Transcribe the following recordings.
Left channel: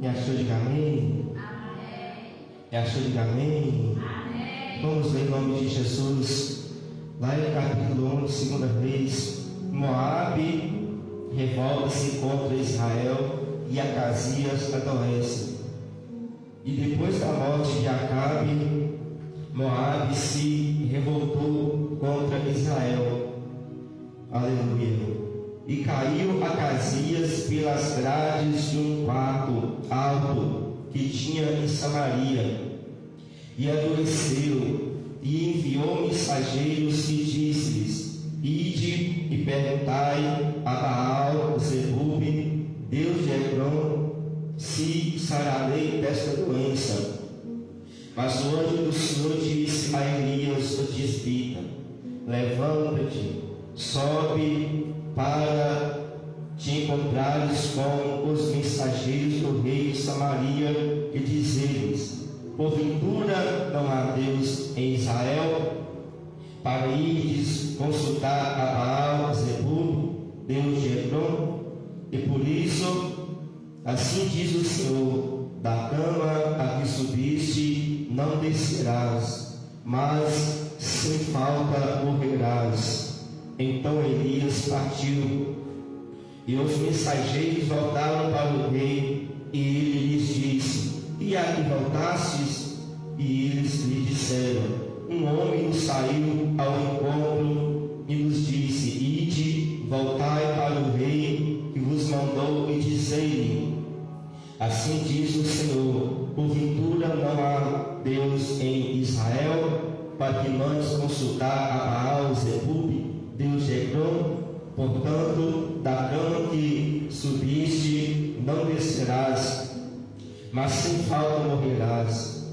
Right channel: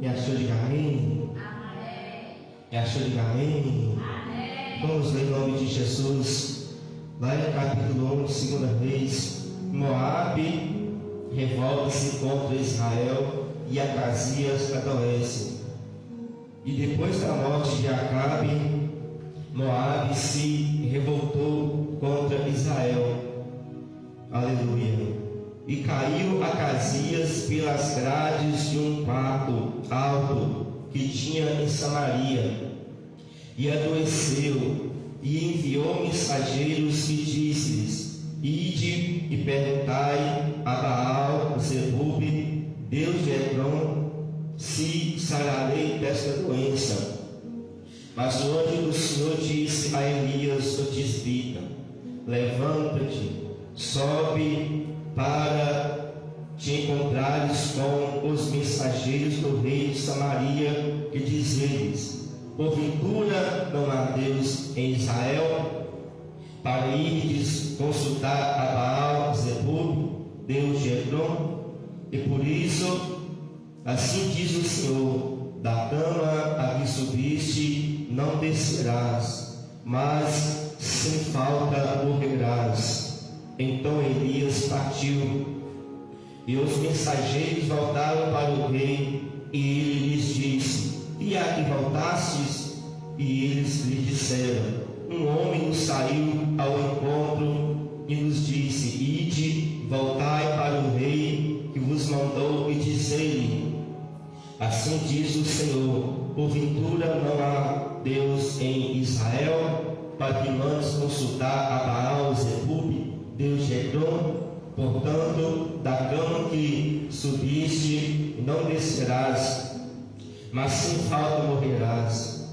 E achou de amém? E achou de amém? Vamos ler em nome de Jesus. Lá em capítulo 1, segunda vez, Moabe revolta-se contra Israel e Acasias adoece. E depois da morte de Acabe, Moabe se revoltou contra Israel. Aleluia. E caiu Acasias pelas grades de um quarto alto que tinha em Samaria, e adoeceu, e enviou mensageiros e disse-lhes: Ide e perguntai a Baal Zebub, Deus de Hebron, se sararei desta doença. Mas o anjo do Senhor disse a Elias o tisbita: Levanta-te, sobe para te encontrares com os mensageiros do rei de Samaria e dizeres: Porventura não há Deus em Israel? Para ires consultar a Baal Zebub, Deus de Hebron. E por isso, assim diz o Senhor: da cama a que subiste não descerás, mas sem falta morrerás. Então Elias partiu, e os mensageiros voltaram para o rei, e ele lhes disse: E a que voltastes? E eles lhe disseram: Um homem saiu ao encontro e nos disse: Ide, voltai para o rei que vos mandou, e dizei-lhe: Assim diz o Senhor: Porventura não há Deus em Israel, para que mandes consultar a Baal Zebub, Deus de Hebron? Portanto, da cama que subiste não descerás, mas sem falta morrerás.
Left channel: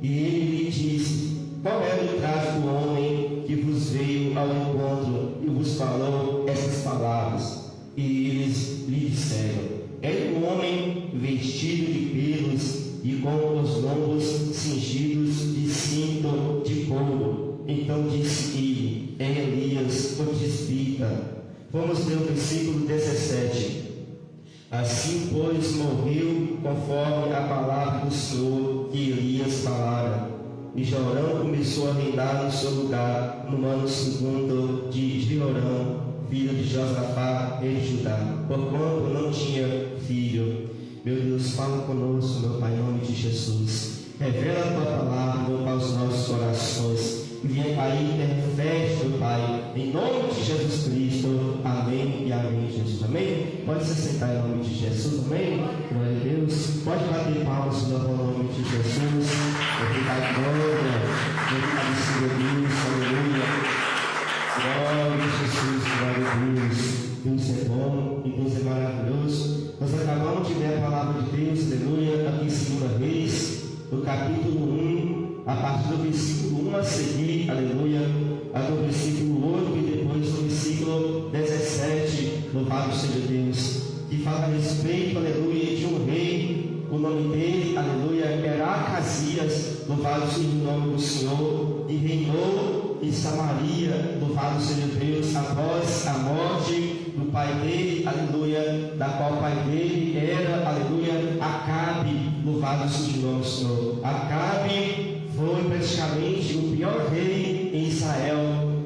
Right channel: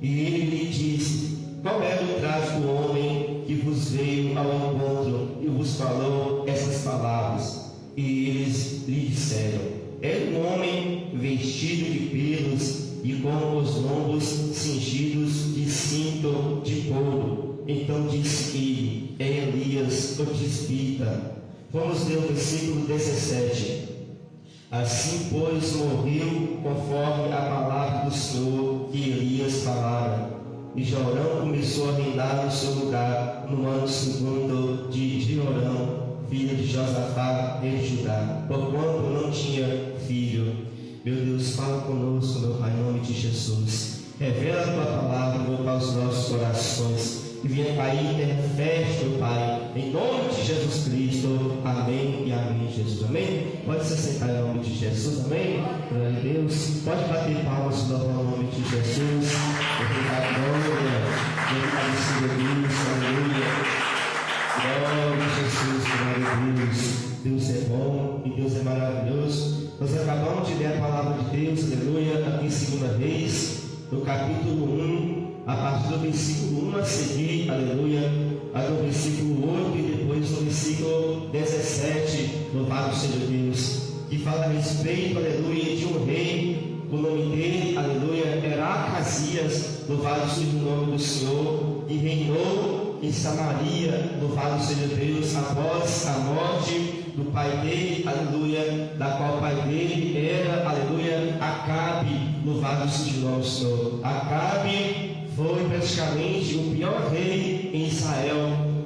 E ele lhe disse: Qual era o traje do homem que vos veio ao encontro e vos falou essas palavras? E eles lhe disseram: Era um homem vestido de pelos e com os lombos cingidos de cinto de couro. Então disse ele: É Elias o tisbita. Vamos ler o versículo 17. Assim, pois, morreu conforme a palavra do Senhor que Elias falara. E Jorão começou a reinar no seu lugar no ano segundo de Jeorão, filho de Josafá, rei de Judá, porquanto não tinha filho. Meu Deus, fala conosco, meu Pai, em nome de Jesus. Revela a tua palavra, meu Pai, aos nossos corações. E venha, Pai, interfere, meu Pai, em nome de Jesus Cristo. Amém e amém, Jesus. Amém? Pode se sentar em nome de Jesus. Amém? Glória a Deus. Pode bater palmas no nome de Jesus. Obrigado, glória. Obrigado, Senhor Deus. Aleluia. Glória a Jesus. Glória a Deus. Deus é bom e Deus é maravilhoso. Nós acabamos de ler a palavra de Deus. Aleluia. Aqui em 2 Reis, no capítulo 1. A partir do versículo 1 a seguir, aleluia, do versículo 8 e depois do versículo 17, louvado seja Deus, que fala a respeito, aleluia, de um rei, o nome dele, aleluia, era Acasias, louvado seja o nome do Senhor, e reinou em Samaria, louvado seja Deus, após a morte do pai dele, aleluia, da qual o pai dele era, aleluia, Acabe, louvado seja o nome do Senhor. Acabe foi praticamente o pior rei em Israel,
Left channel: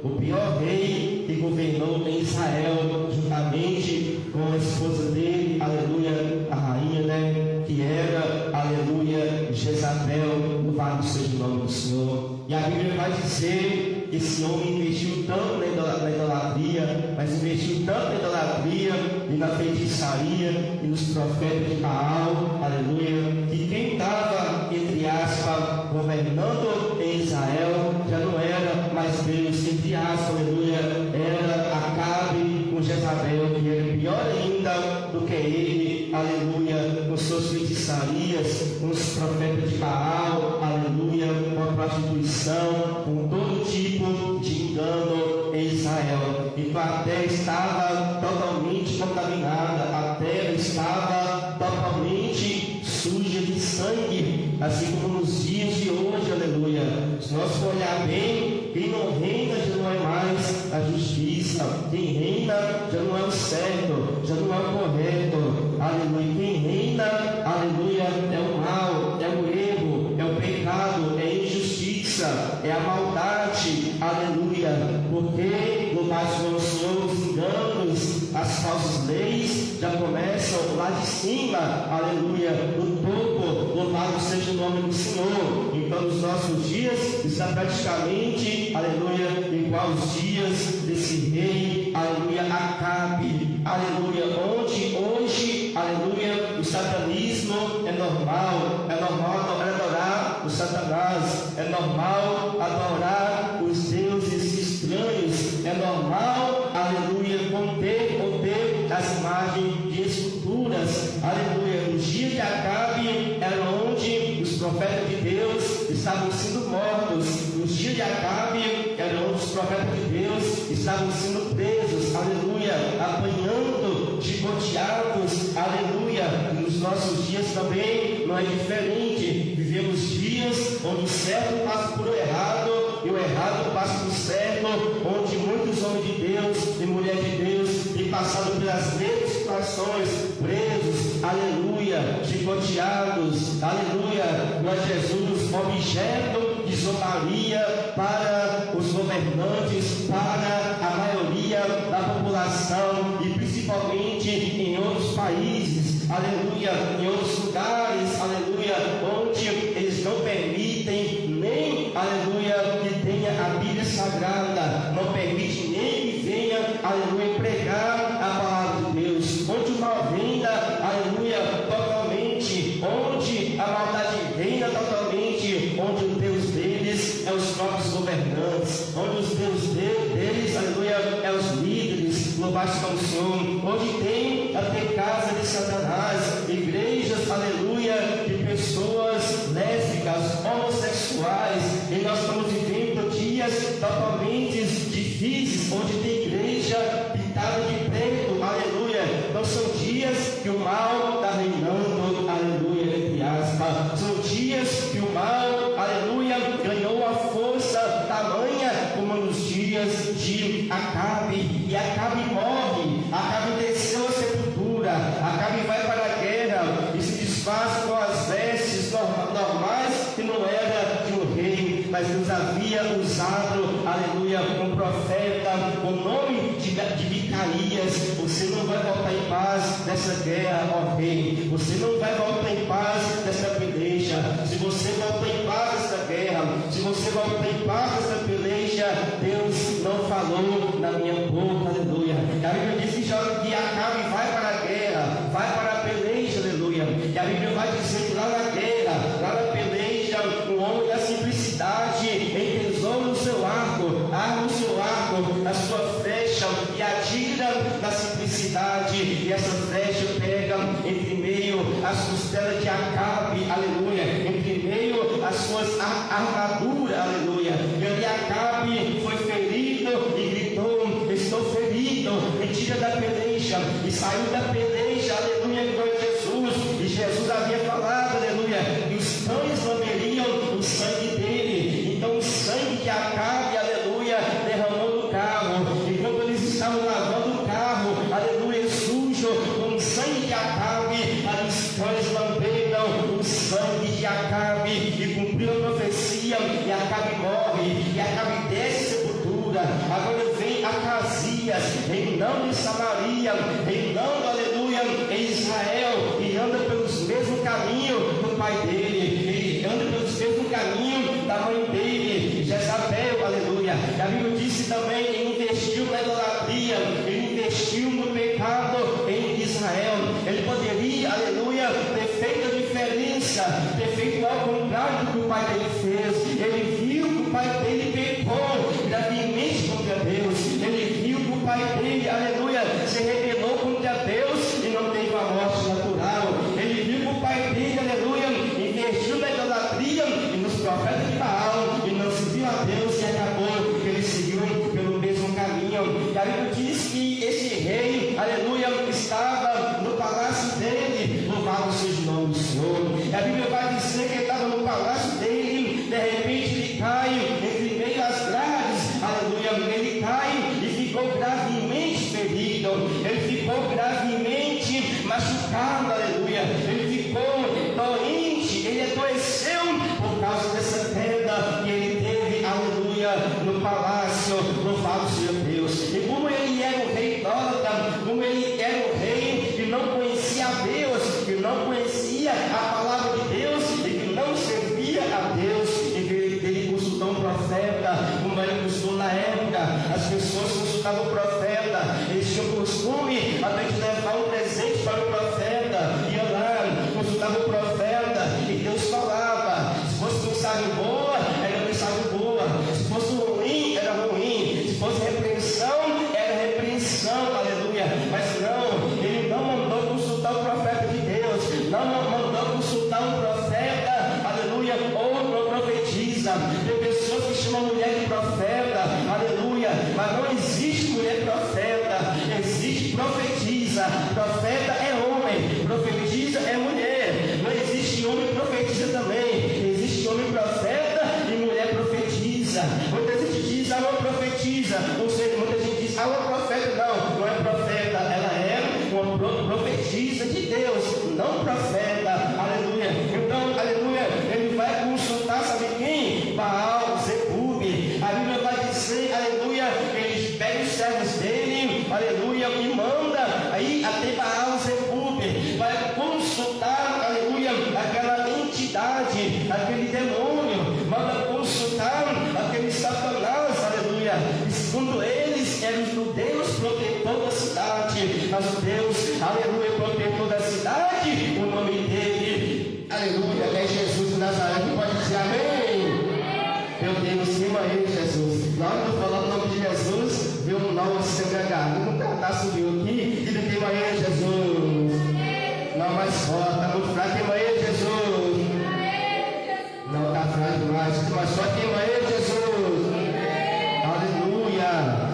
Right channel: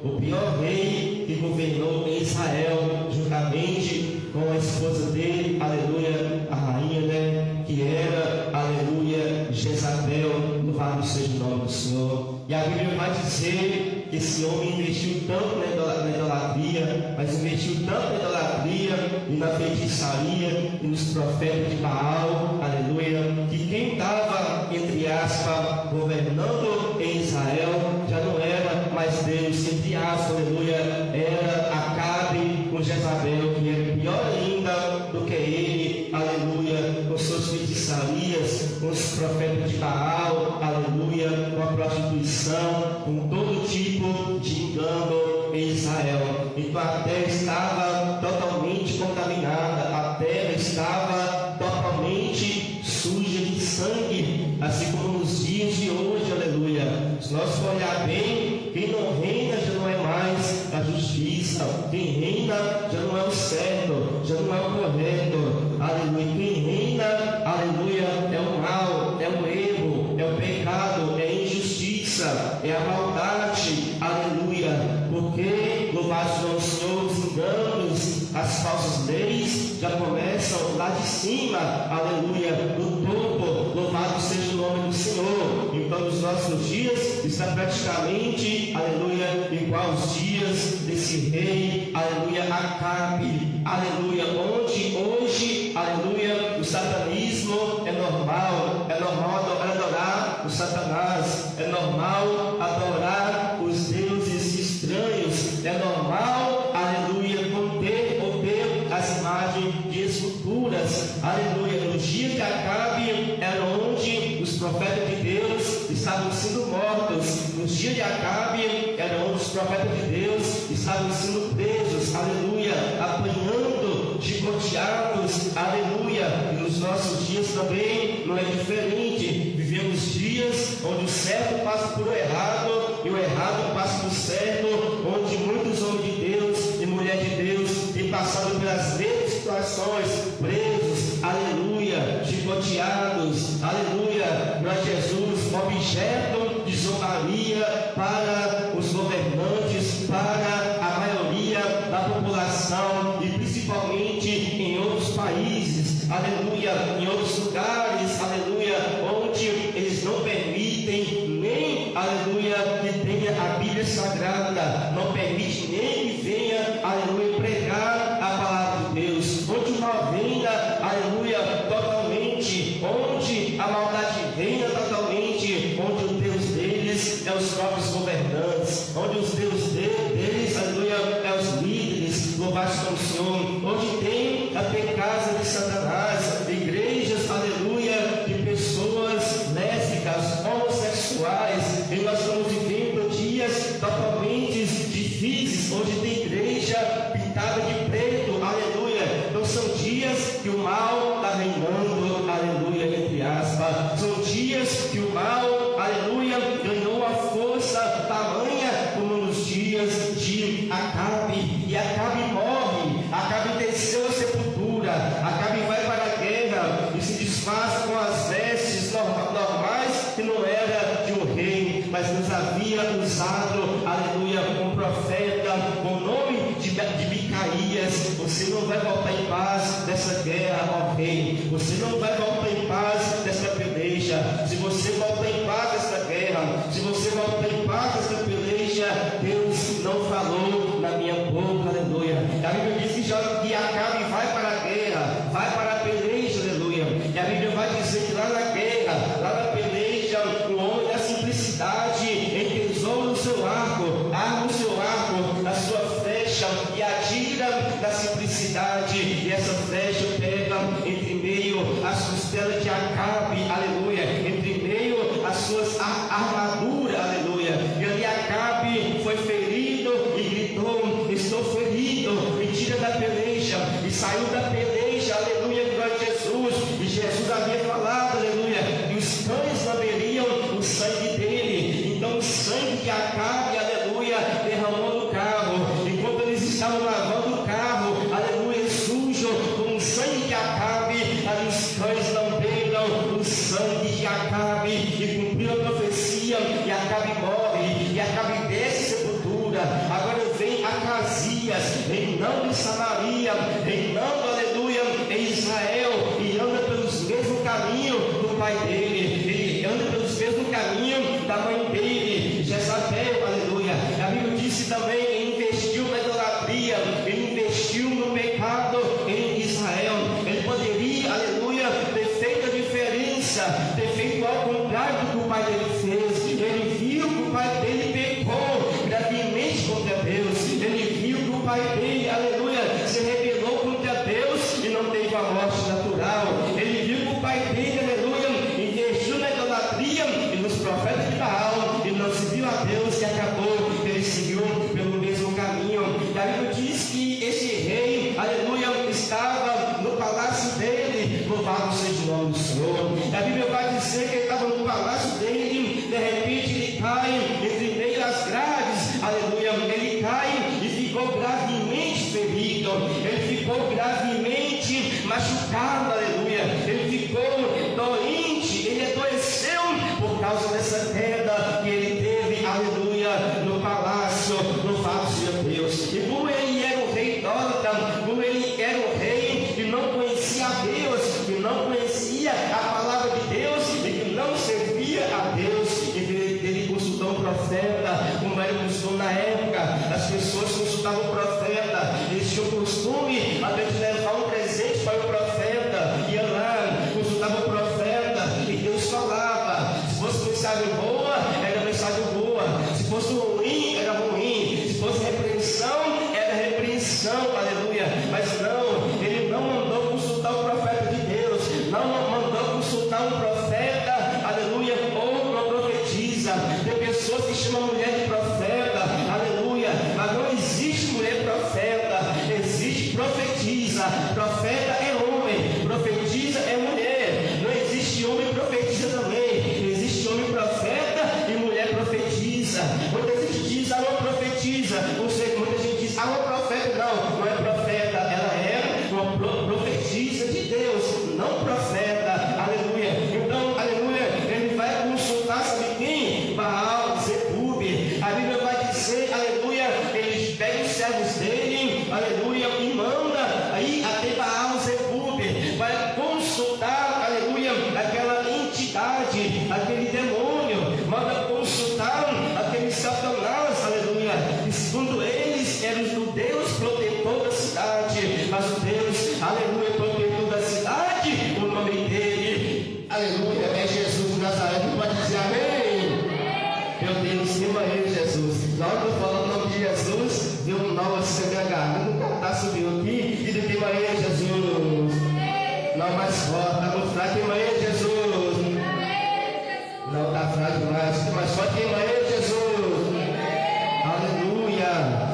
o pior rei que governou em Israel, juntamente com a esposa dele, aleluia, a rainha, né, que era, aleluia, Jezabel, louvado seja o nome do Senhor. E a Bíblia vai dizer que esse homem investiu tanto na idolatria, mas investiu tanto na idolatria e na feitiçaria e nos profetas de Baal, aleluia, que quem estava, entre aspas, governando em Israel já não era mais Deus, entre aspas, aleluia, era Acabe com Jezabel, que era pior ainda do que ele, aleluia, com suas feitiçarias, com os profetas de Baal, aleluia, com a prostituição, com todo tipo de engano em Israel. Então a terra estava totalmente contaminada, a terra estava totalmente suja de sangue, assim como nos dias de hoje, aleluia. Se nós for olhar bem, quem não reina já não é mais a justiça, quem reina já não é o certo, já não é o correto, aleluia. Quem reina, aleluia, é a maldade, aleluia, porque, louvado seja o Senhor, os enganos, as falsas leis já começam lá de cima, aleluia, no topo, louvado seja o nome do Senhor. Então, nos nossos dias, está praticamente, aleluia, igual os dias desse rei, aleluia, Acabe, aleluia, onde hoje, aleluia, o satanismo é normal adorar o Satanás, é normal adorar os deuses estranhos, é normal, aleluia, manter ou ter as imagens de esculturas, aleluia. Nos dias de Acabe era onde os profetas de Deus estavam sendo mortos, nos dias de Acabe era onde os profetas de Deus estavam sendo presos, aleluia, apanhando, chicoteados, aleluia. E nos nossos dias também não é diferente. Vivemos dias onde o certo passa por o errado e o errado passa por certo, onde muitos homens de Deus e mulheres de Deus têm passado pelas mesmas situações, presos, aleluia, chicoteados, aleluia, mas Jesus, objeto de zombaria para os governantes, para a maioria da população e principalmente em outros países, aleluia, em outros lugares, aleluia, onde eles não permitem nem, aleluia, que tenha a Bíblia Sagrada, não permite nem que venha, aleluia, pregar a palavra de Deus, onde o mal reina, aleluia, totalmente, onde a maldade reina totalmente, onde o Deus deles é os próprios governantes, onde os Deus deles, aleluia, é os líderes, louvado seja o Senhor, onde tem até casa de Satanás, igrejas, aleluia, de pessoas lésbicas, homossexuais, e nós estamos vivendo dias totalmente difíceis, onde tem igreja pintada de preto, aleluia. Então são dias que o mal está reinando, aleluia, entre aspas, são dias que o mal, aleluia, ganhou a força tamanha como nos dias de Acabe, e Acabe morre, Acabe desceu a sepultura, Acabe vai para a guerra e se desfaz com as vestes normais que não era de um rei, mas Deus havia usado, aleluia, um profeta com o nome de Micaías. Você não vai voltar em paz dessa guerra, ó rei, você não vai voltar em paz dessa peleja. Se você voltar em paz dessa guerra, se você voltar em paz dessa peleja, Deus não falou na minha boca, aleluia. E a Bíblia diz que Acabe vai para a guerra, vai para a peleja, aleluia. E a Bíblia vai dizer que lá na guerra, lá na peleja, o homem da simplicidade entesoura no seu arco, arma o seu arco, na sua flecha, e atira na simplicidade, e essa flecha pega entre meio as costelas de Acabe, aleluia, entre meio as suas armaduras, aleluia. E ali Acabe foi ferido e gritou: estou ferido, me tira da peleja, e saiu da peleja, aleluia, glória a Jesus. E Jesus havia falado, aleluia, que os cães lamberiam o sangue dele. Então o sangue de Acabe, aleluia, derramou no carro, enquanto eles estavam lavando o carro, aleluia, sujo com o sangue de Acabe, os cães lamberam o sangue de Acabe, e cumpriu a profecia, e Acabe morre, e Acabe desce a sepultura. Agora vem Acasias, reinando em Samaria, reinando, aleluia, em Israel, e anda pelos mesmos caminhos do pai dele, ele anda pelos mesmos caminhos da mãe dele, Jezabel, aleluia. A Bíblia disse também: ele investiu na idolatria, ele investiu no pecado em Israel. Ele poderia, aleluia, ter feito a diferença, ter feito ao contrário do que o pai dele fez. Ele viu que o pai dele pecou gravemente contra Deus, ele viu que o pai dele, aleluia, se rebelou contra Deus e não teve a morte natural. Ele viu que o pai dele, aleluia, investiu na idolatria e nos profetas de Baal, e não serviu a Deus, e acabou que ele seguiu pelo mesmo caminho. E a Bíblia diz que esse rei, aleluia, estava no palácio dele, louvado seja o nome do Senhor. E a Bíblia vai dizer que ele estava no palácio dele, de repente ele cai entre meio às grades, aleluia, ele cai e ficou gravemente ferido, ele ficou gravemente machucado, aleluia, ele ficou doente, ele adoeceu por causa dessa queda que ele teve, profeta. O Maria buscou na época, as pessoas consultavam o profeta, eles tinham costume até de levar um presente para o profeta, ia lá, consultava o profeta, e Deus falava. Se fosse mensagem boa, era mensagem boa, se fosse ruim, era ruim, se fosse repreensão, era repreensão, aleluia. Mas não, ele não mandou consultar o profeta de Deus, não mandou consultar um profeta, aleluia, ou não profetiza. Tem pessoas que chamam mulher de profeta, aleluia, mas não existe mulher profeta, existe profetiza. Profeta é homem, profetiza é mulher. Não existe homem profetiza também, existe homem profeta e mulher profetiza. Muita gente diz, uma profetiza, não sei, muita gente diz, uma profeta. Não é profeta, ela é uma profetiza de Deus, não profeta, aleluia. Então, aleluia, ele vai consultar, sabe quem? Baal, Zebub. A Bíblia vai dizer, aleluia, ele pega os servos dele, aleluia, e manda aí até Baal, Zebub, vai consultar, aleluia, aquela entidade, aquele demônio, manda consultar aquele Satanás, aleluia. E segundo eles, era o Deus protetor da cidade, mas o Deus, aleluia, protetor da cidade, o nome dele, aleluia, é Jesus de Nazaré. Pode dizer amém? Meu Deus, cima aí, Jesus. Na hora que eu falar o nome de Jesus, deu um nó assim na minha garganta, subiu aqui, e daqui amanhã, Jesus. Não, mais forte, está muito fraco, quem amanhã, Jesus. Não, está fraco demais, mais forte, quem amanhã, Jesus. Aleluia.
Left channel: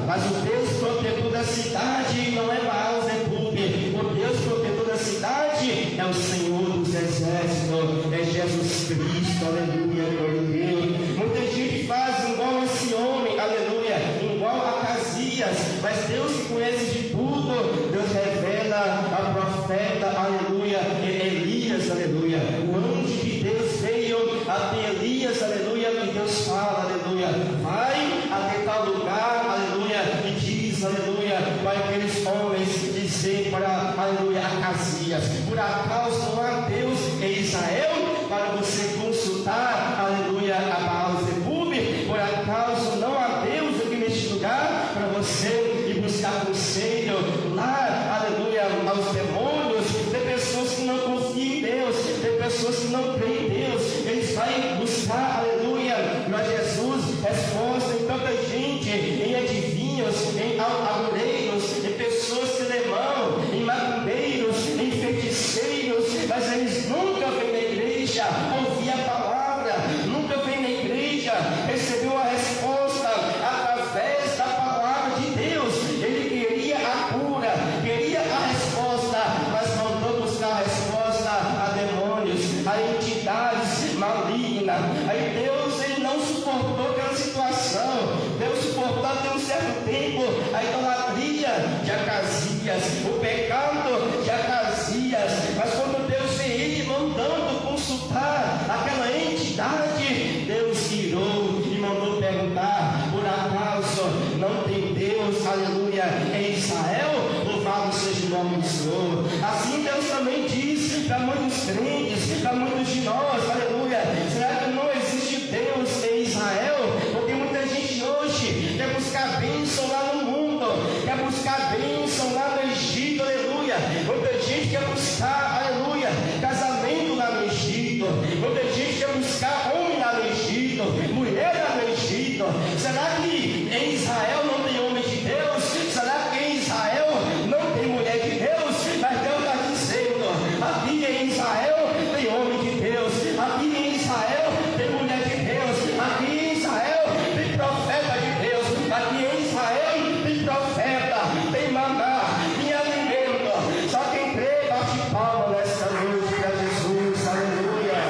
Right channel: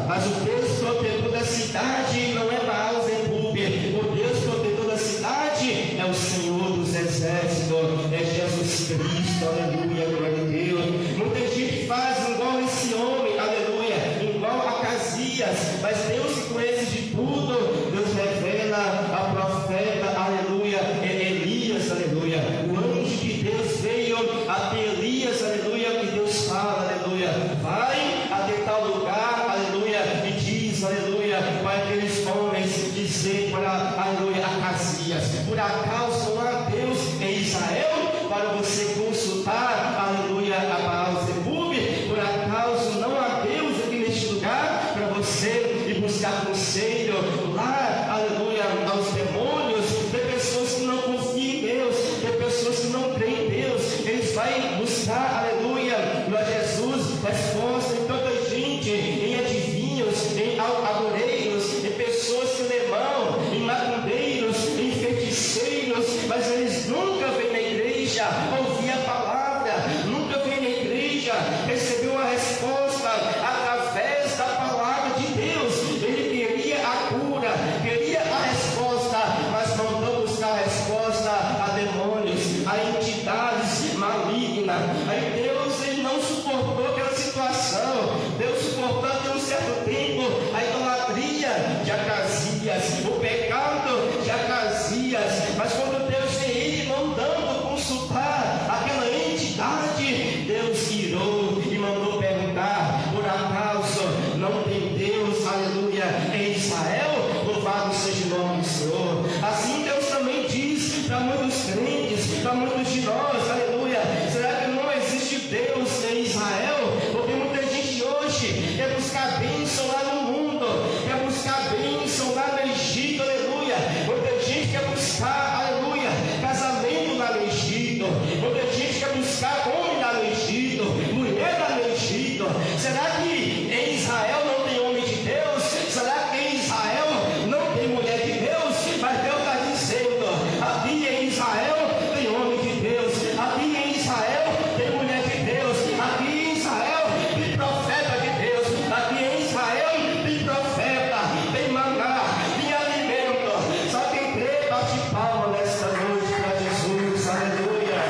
Mas o Deus protetor da cidade não é Baal, Zebub. O Deus protetor da cidade é o Senhor dos Exércitos, é Jesus Cristo, aleluia, glória a Deus. Muita gente faz igual esse homem, aleluia, igual a Acasias, mas Deus que conhece de tudo, Deus revela a profeta, aleluia, Elias, aleluia. O anjo de Deus veio até Elias, aleluia, e Deus fala, aleluia, vai até tal lugar, aleluia, e diz, aleluia, para aqueles homens dizer para, aleluia, Acasias, por acaso não há Deus em Israel para você consultar, aleluia, a Baal, Zebub? Por acaso não há Deus aqui neste lugar para você ir buscar conselho lá, aleluia, aos demônios? Tem pessoas que não confiam em Deus, tem pessoas que não creem em Deus, eles vão buscar, aleluia, mas Jesus resposta em tanta gente, em adivinhos, em agoreiros, em pessoas que levam, em macumbeiros, em feiticeiros, mas eles nunca vêm na igreja ouvir a palavra, nunca vêm na igreja receber uma resposta através da palavra de Deus. Ele queria a cura, queria a resposta, mas mandou buscar a resposta a demônios, a entidades malignas. Aí Deus, ele não suportou aquela situação. Deus suportou até um certo tempo a idolatria de Acasias, o pecado de Acasias, mas quando Deus vê ele mandando consultar aquela entidade, Deus irou e mandou perguntar, por acaso não tem Deus, aleluia, em Israel? Louvado seja o nome do Senhor. Assim Deus também diz para muitos crentes, para muitos de nós, aleluia, será que não existe Deus em Israel? Porque muita gente hoje quer buscar bênção lá no mundo, quer buscar bênção lá no Egito, aleluia. Muita gente quer buscar, aleluia, casamento lá no Egito. Muita gente quer buscar homem lá no Egito, mulher lá no Egito. Será que em Israel não tem homem de Deus? Será que em Israel não tem mulher de Deus? Mas Deus está dizendo, aqui em Israel tem homem de Deus, aqui em Israel tem mulher de Deus, aqui em Israel tem profeta de Deus, aqui em Israel tem profeta, tem maná, tem alimento. Só quem crê bate palma nesta noite para Jesus, aleluia.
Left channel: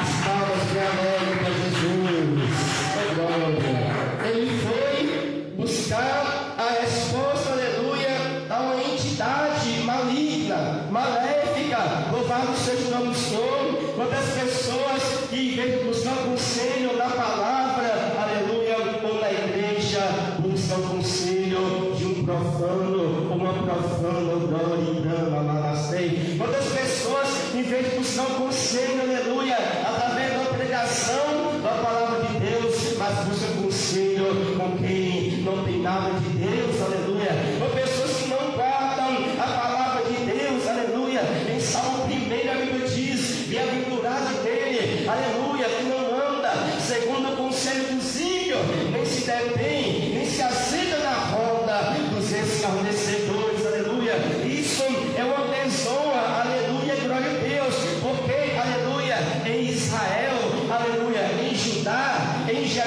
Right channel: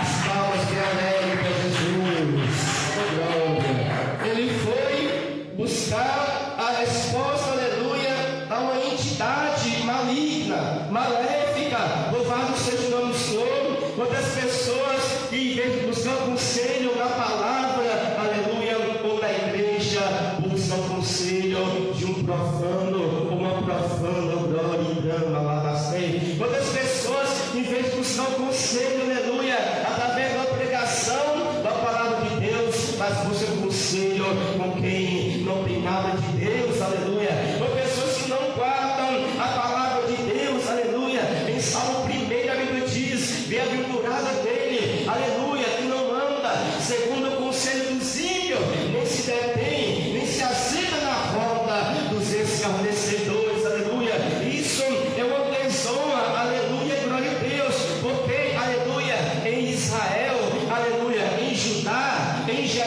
As palmas de alegre para Jesus, oh glória. Ele foi buscar a resposta, aleluia, a uma entidade maligna, maléfica. Louvado seja o nome do Senhor. Quantas pessoas que em vez de buscar o conselho da palavra, aleluia, ou da igreja, buscam o conselho de um profano ou uma profana, glória. Quantas pessoas em vez de buscar o conselho, aleluia, através da pregação da palavra de Deus,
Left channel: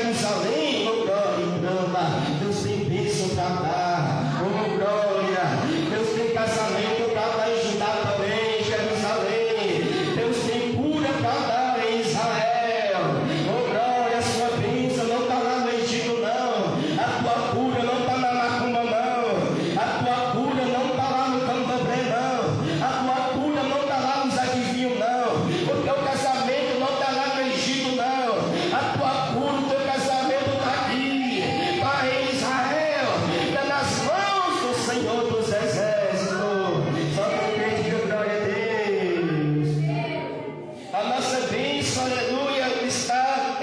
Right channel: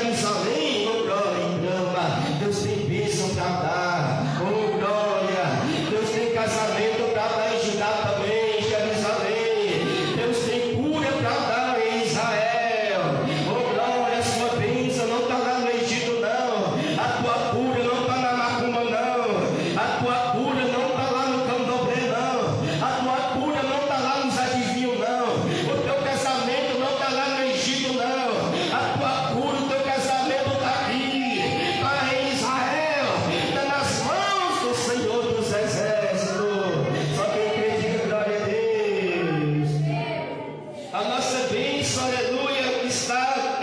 Jerusalém, oh glória e grama. Deus tem bênção para dar, oh glória. Deus tem casamento para dar em Judá também, Jerusalém. Deus tem cura para dar em Israel, oh glória. A sua bênção não está lá no Egito não, a tua cura não está na macumba não, a tua cura não está lá no candomblé não, a tua cura não está lá nos adivinhos não, o teu casamento não está lá no Egito não, a tua cura, o teu casamento está aqui, está em Israel, está nas mãos do Senhor dos Exércitos. Só quem crê diga glória a Deus. A nossa bênção, aleluia, está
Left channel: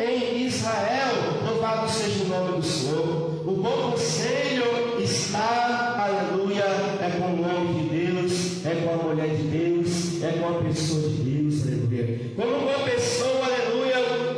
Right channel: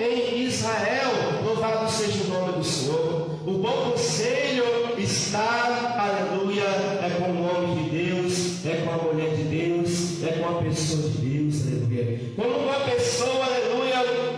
em Israel. Louvado seja o nome do Senhor. O bom conselho está, aleluia, é com o homem de Deus, é com a mulher de Deus, é com a pessoa de Deus, aleluia. Como uma pessoa, aleluia,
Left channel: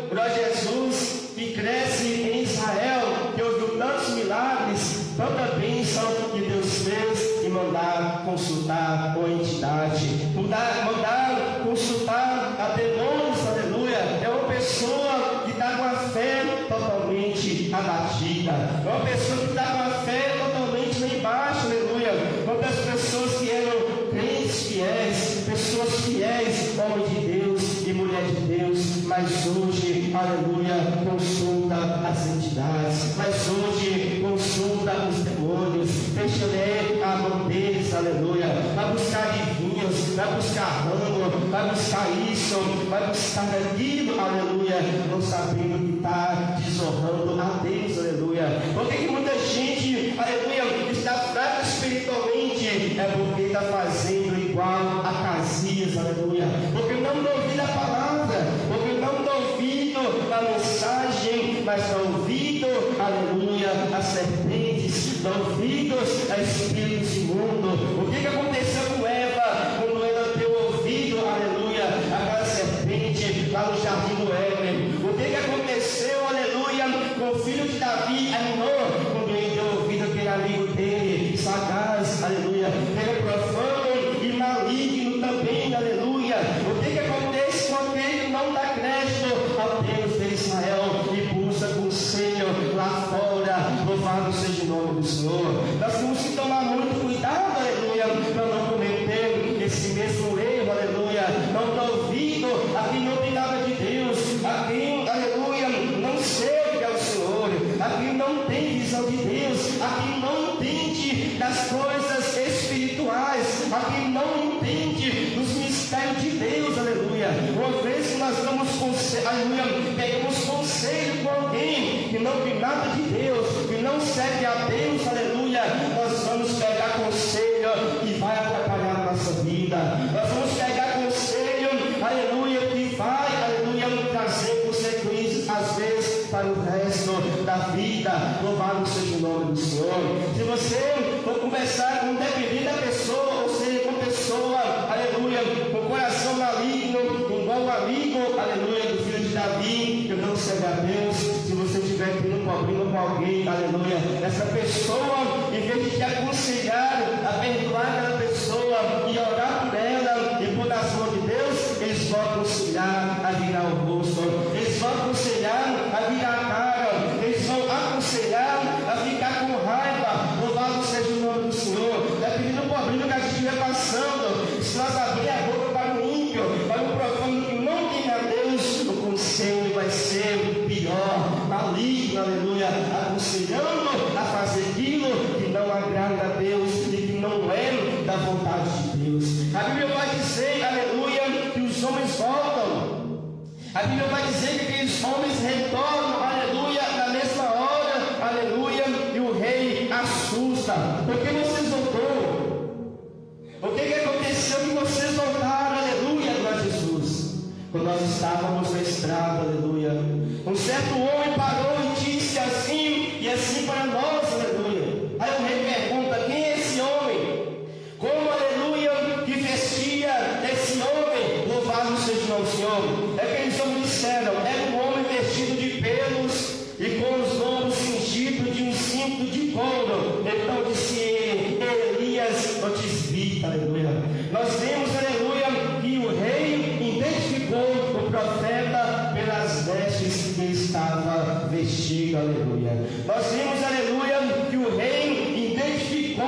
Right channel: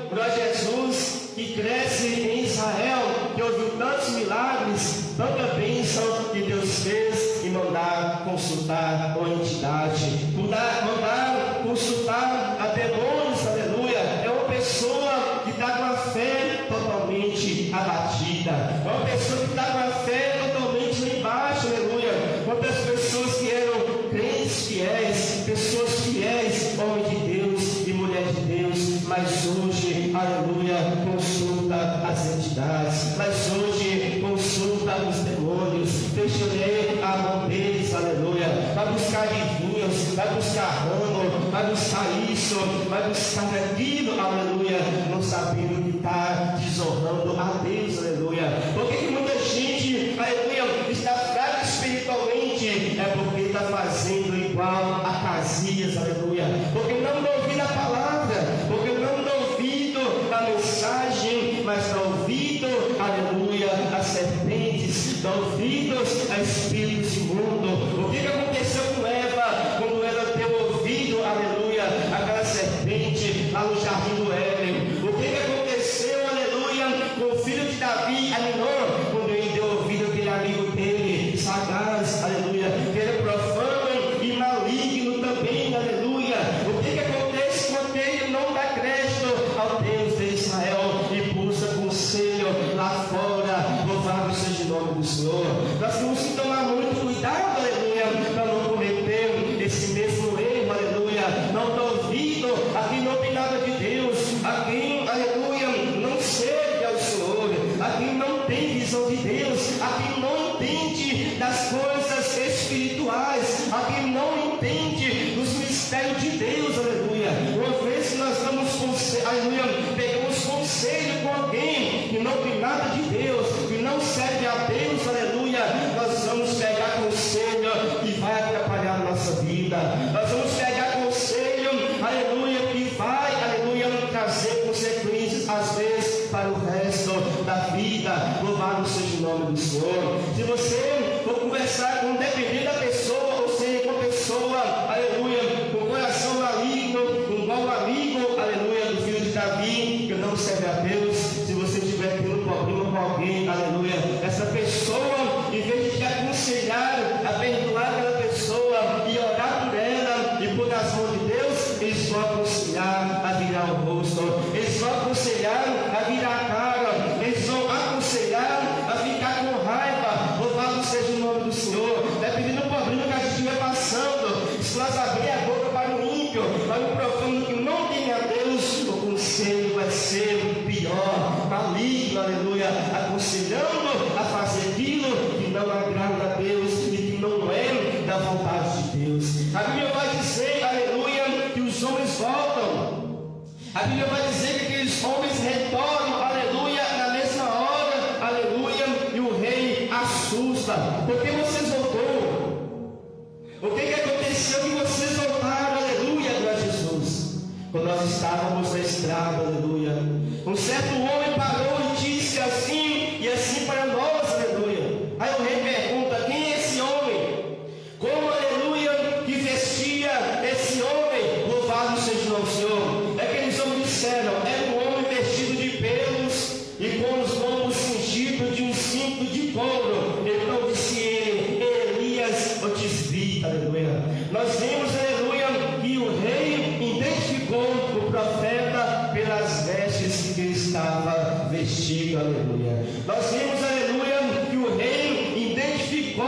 para Jesus, que cresce em Israel, que ouviu tantos milagres, tanta bênção que Deus fez, e mandar consultar a entidade, mandar consultar a demônios, aleluia. É uma pessoa que está com a fé totalmente abatida, é uma pessoa que está com a fé totalmente lá embaixo, aleluia. Quantas pessoas que eram crentes fiéis, pessoas fiéis, homem de Deus e mulher de Deus, mas hoje, aleluia, consulta as entidades, mas hoje consulta os demônios, deixa ler a mão deles, aleluia, vai buscar adivinhos, vai buscar rango, vai buscar isso, vai buscar aquilo, aleluia, não sabendo que está desonrando a Deus, aleluia. Por que muita gente, aleluia, está fraca espiritualmente? É porque está fazendo igual a Casias, aleluia, porque não ouvir a palavra, porque não ouvido a mensagem, mas não ouvido, aleluia, as serpentes, não ouvidos a espíritos imundos. O que aconteceu com Eva quando ela deu ouvido, aleluia, aquela serpente lá no jardim do Éden? O que aconteceu, aleluia, com o filho de Davi, Aminon, quando ele deu ouvido àquele amigo dele, sagaz, aleluia, que era profano e maligno também, aleluia? O que acontece quando ele não dá crédito ao Deus de Israel e busca conselho lá fora? Louvado seja o nome do Senhor. Nós temos que tomar muito cuidado, aleluia, para não cometer esse mesmo erro, aleluia. Não dá ouvido a quem não tem nada de Deus, a quem, aleluia, não serve ao Senhor, a quem não tem visão de Deus, a quem não entende das coisas espirituais, a quem não entende dos mistérios de Deus, aleluia. Uma vez que nós damos conselho, aleluia, pegamos conselho com alguém que não tem nada de Deus, que não serve a Deus, aleluia, nós vamos pegar conselho que vai atrapalhar a nossa vida. Nós vamos pegar conselho, aleluia, que vai, aleluia, trazer consequências, às vezes, para o resto da vida. Louvado seja o nome do Senhor. Se você for conversar com, dependendo da pessoa, ou seja, com pessoa, aleluia, com coração maligno, com igual amigo, aleluia, do filho de Davi, que não serve a Deus, se você estiver tendo um problema com alguém, aleluia, essa pessoa, em vez de te aconselhar a perdoar aquela pessoa e orar por ela e por as mãos de Deus, eles vão aconselhar a virar o rosto, eles vão aconselhar a virar a cara, eles vão aconselhar a ficar com raiva. Louvado seja o nome do Senhor. Dependendo do problema que a gente estiver passando, se nós abrir a boca para o ímpio, para o profano que não tem a Deus, o conselho vai ser pior, maligno, aleluia, aconselhando a fazer aquilo que não agrada a Deus e que não é da vontade de Deus. A Bíblia vai dizer, aleluia, que os homens voltam. A Bíblia vai dizer que aqueles homens retornam, aleluia, na mesma hora, aleluia, e o rei assusta. Por que vocês voltaram? O que aconteceu que vocês voltaram, aleluia, glória a Jesus? Quando nós estávamos na estrada, aleluia, um certo homem parou e disse assim, e assim para nós, aleluia. Aí o rei pergunta, quem é esse homem? Como, aleluia, que vestia esse homem? Louvado seja o nome do Senhor. É que eles disseram, era um homem vestido de pelos e com os lombos cingidos de um cinto de couro. Então disse ele, Elias o tisbita, aleluia. Nós vemos, aleluia, que o rei identificou o profeta pelas vestes que ele estava vestido, aleluia. Nós vimos, aleluia, que o rei identificou,